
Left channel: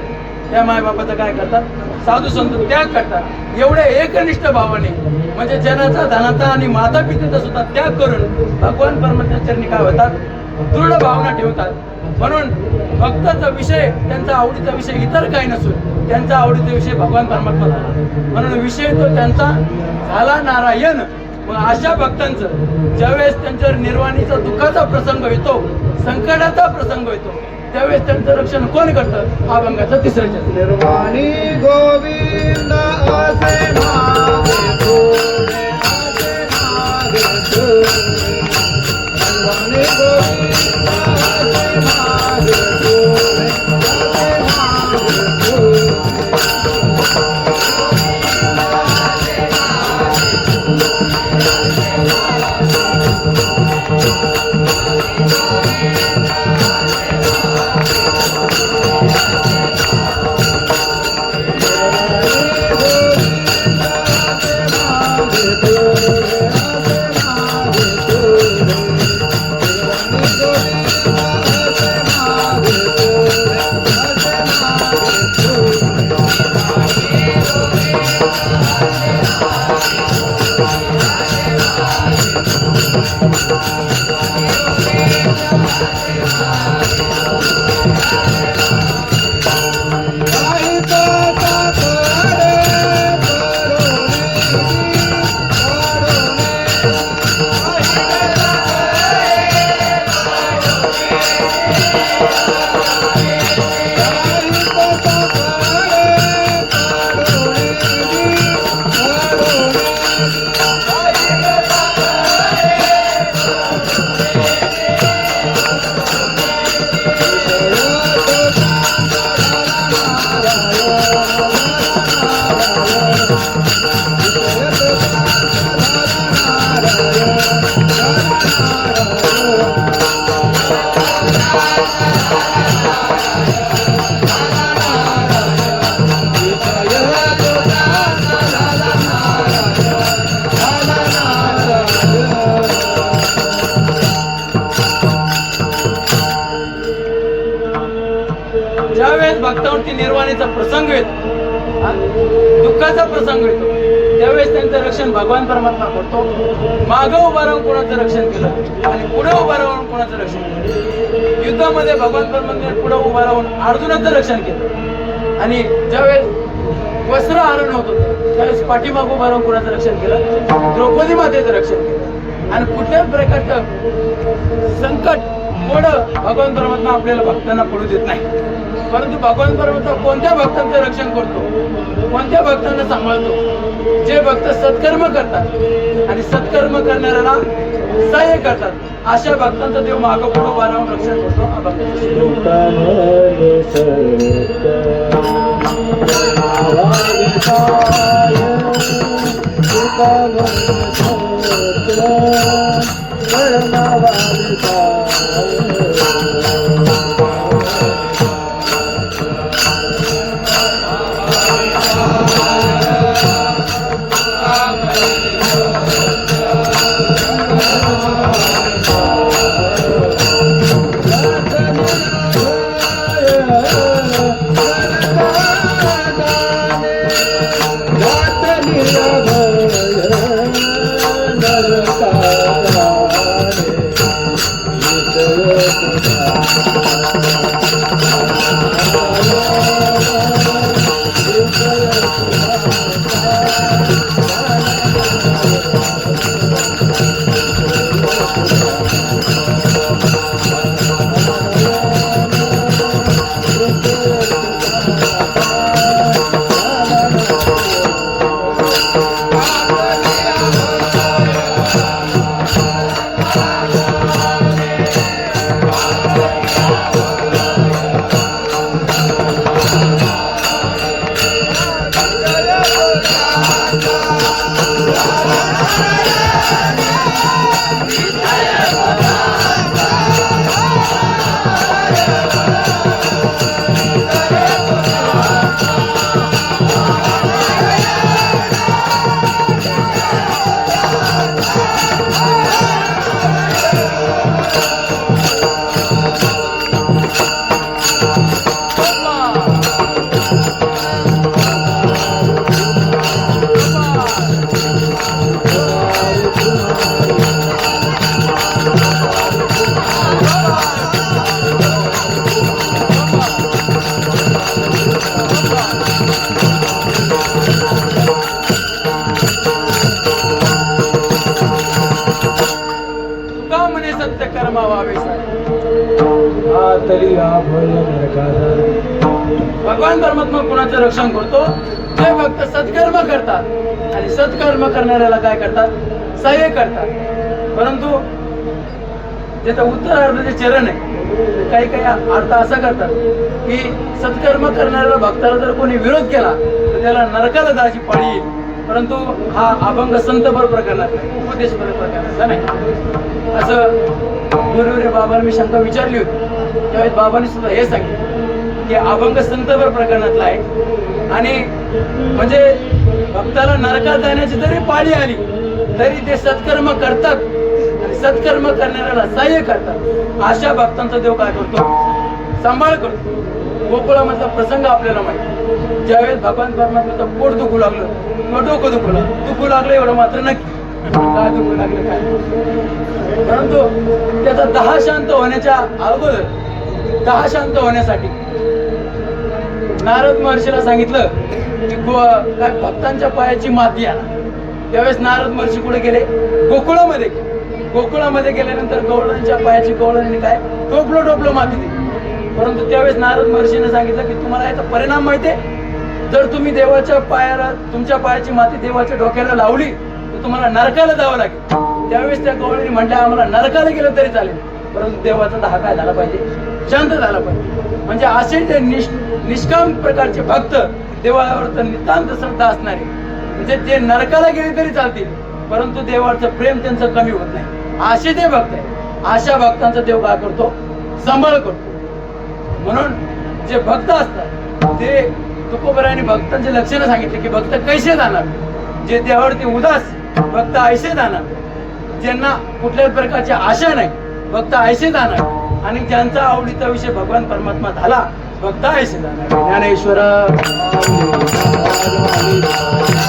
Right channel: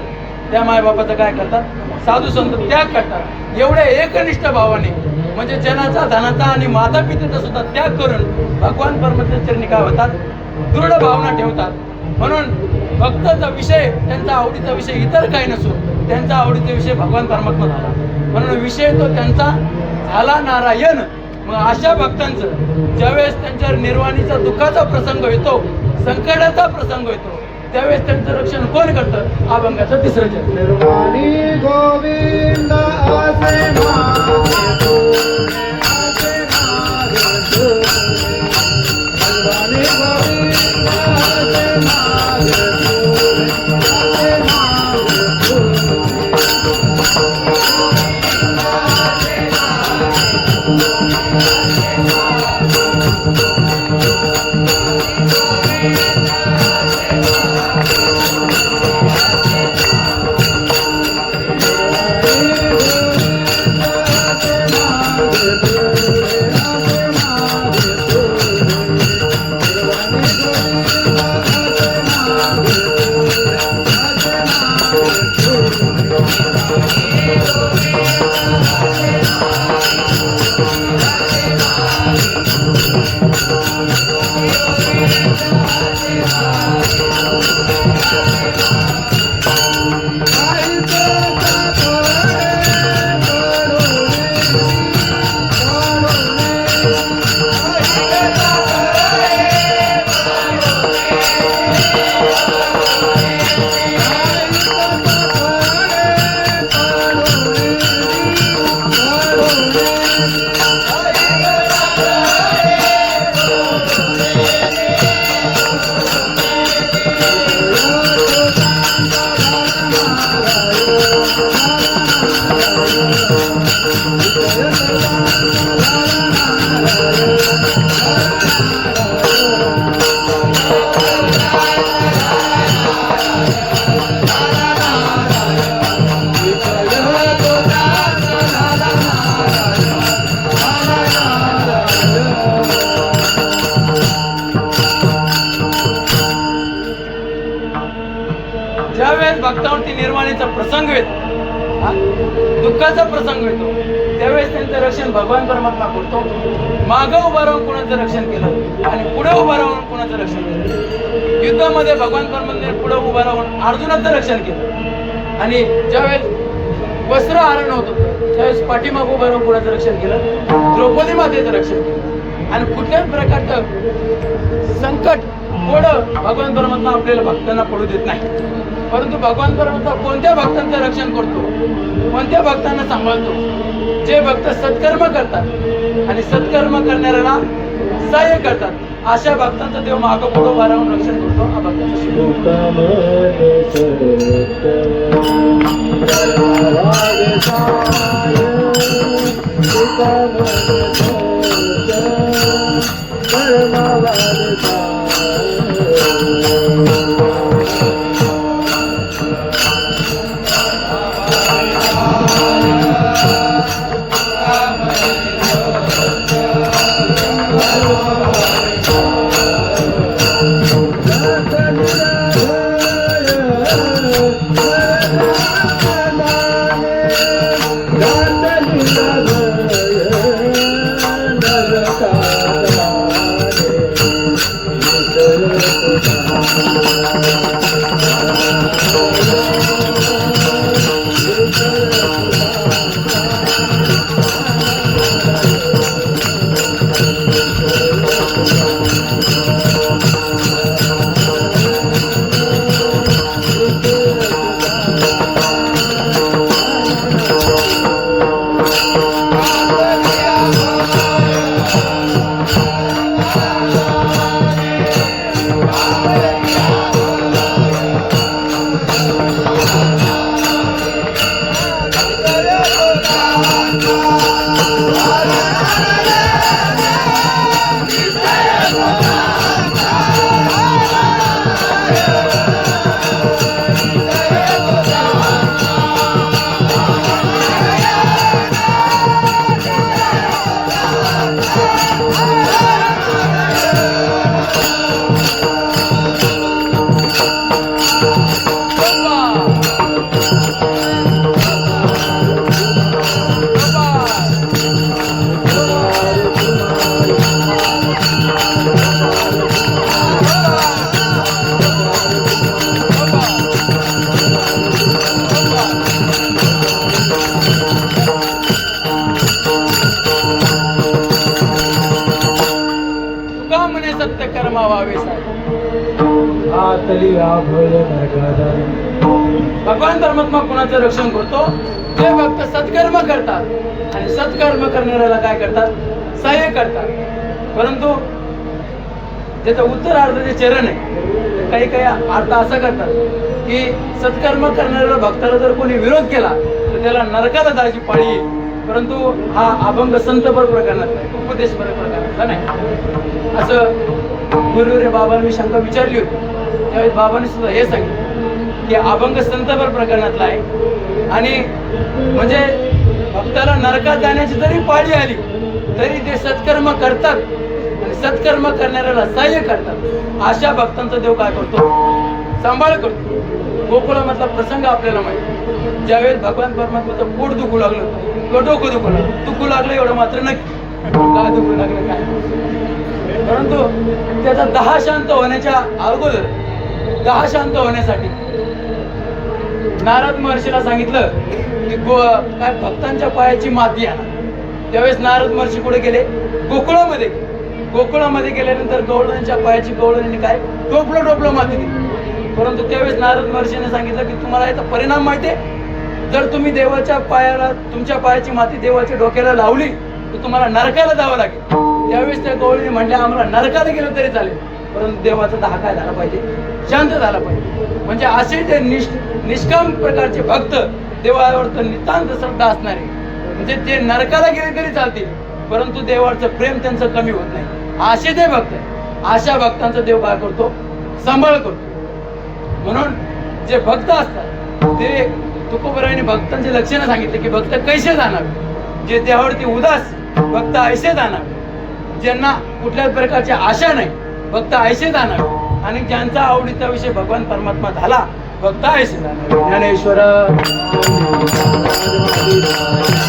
त्या मायबापाचं काय करतात, साधू संत त्याग करतात. एवढ्या एकनिष्ठ भावाने, म्हणजे जनाचा, धनाचा आणि माता पितेचा सुद्धा त्याग करून भगवान परमात्म्याच्या चरणी काय होतात, दृढ भावना ठेवतात. म्हणून भक्ताचा विषय, त्यांचा आवडीचा विषय इतर काही नसून त्यांचा आवडीचा विषय भगवान परमात्मा झाला. म्हणून विषय तो त्यांचा झाला नारायण. मग अशा भक्तांचं ज्यावेळेस त्यांच्यावर निर्वाणीचा दुःखाचा प्रसंग येतो, संकटाचा प्रसंग येतो, त्यावेळेस त्यांचं रक्षण कोण करतं? अभंगाचं तिसरं चरण. निर्वाणी गोविंद असे माझे तुरे, असे माझे तुरे. निर्वाणी गोविंद असे माझे तुरे, असे माझे तुरे. ज्यावेळेस भक्तांवरती निर्वाणीचा प्रसंग येतो, दुःखाचा प्रसंग येतो, त्यावेळेस त्यांचं रक्षण भगवान परमात्मा करतो. मागं उभा राहून कोणाचं रक्षण केलं आणि पुढे उभा राहून कोणाचं रक्षण केलं. युद्धामध्ये भगवान परमात्म्याने पुढे उभा राहून अर्जुनाचं रक्षण केलं आणि ज्यावेळेस वस्त्र हरण होत होतं त्यावेळेस पाठीमागं उभा राहून कोणाचं रक्षण केलं, द्रौपदी मातेचं रक्षण केलं. आणि कुठल्याच प्रकारचं संकट कोणं भगवान परमात्मा आपल्याला भक्तांना पडू देत नाही. परंतु भगवान परमात्मा कोणत्या भक्तांचं रक्षण करतो, कोणत्या भक्तांना सांभाळतो? जे भक्त सत्कर्म करतात आणि सत्कर्म करणाऱ्याला सहाय्य करतात, अशा भक्तांचं देव मागं पुढं उभा राहून रक्षण करतो. तुका म्हणे सत्य कर्मा व्हावे सारे. आतली आभय नरकाला. भगवान परमात्मा कुणाचं रक्षण करतो? जे भक्त सत्कर्म करतात आणि सत्कर्म करणाऱ्याला काय करतात? सहाय्य करतात. परंतु त्याचा उत्तरार्धाचे चरण आहे, काही काही अर्थ असं करतात की सत्कर्म करणाऱ्याला भक्ताला जर कोणी विरोध केला तर त्याला नरकाला जायची पाळी येईल. परंतु हा अभंग संतपर प्रकरणात उपदेशपर प्रकरणातला नाही. असं गुरुवर्य बाबांनी मी शंका विचारली होती, त्यावेळेस बाबांनी सुद्धा हे सांगितलं की अभंग संतपर प्रकरणातला आहे आणि म्हणजे भक्ताला नरकात जाण्याची जरी पाळी आली तरी ते सत्कर्म करतात आणि सत्कर्म करणाऱ्याला सहाय्य करतात. अशा भक्तांचा देव काय करतो? सांभाळ करतो. गोकुळामधला प्रसंग आपल्याला माहिती. ज्यावेळेस भगवान परमात्म्याचं पोट दुखू लागलं किंवा डोकं दुखू लागलं एवढं मात्र नक्की. काय दुखू लागलं काय, परंतु त्याचा 10 शांत होण्याच्या अगोदर 10 शांत होण्यासाठी नारद महर्षीला सांगितलं की काय भक्तांच्या पायाची माती आणा. त्यावेळेस नारद महर्षी कुठे गेले? गोकुळामध्ये. गोकुळामध्ये गेल्यानंतर गवळणांच्या पायाची गवळणाने काय टोपलं माती दिली. परंतु त्यावेळेस नारद महर्षीने सांगितलं की तुम्हाला याचा परिणाम माहितीये? जर तुम्ही देवाच्या पायाला तुमच्या पायाची माती देवाच्या डोक्याला लावली तर तुम्हाला नरकाला जावं लागेल. त्यावेळेस त्या गवळीने म्हटल्या आम्हाला नरकाला गेलं तरी चालेल, परंतु देवाचा दहा काय झाला पाहिजे? शांत झाला पाहिजे. म्हणजे असे ते निष्काम प्रकारचे भक्त, देवावर तर नितांत श्रद्धा असणारे, म्हणजे ते नरकाला गेले तरी चालतील परंतु देवाचं प्रेम त्यांचं कमी होत नाही. असे ते भक्त आहे. अशा भक्तांचा देव काय करतो? सांभाळ करतो. म्हणून जे भक्त असतात ते तुकोबरायांनी भक्तांचे लक्षणं सांगितले की भक्त कैसे जाणार? जे देवावरती उदास भक्त ऐसे जाणार, ज्यांना कुठल्याच प्रकारची आशा नाही भक्त ऐसे जाणार, आणि ज्यांचा आवडीचा विषय भगवान परमात्मा झाला भक्त ऐसे जाणार. ज्ञानेश्वर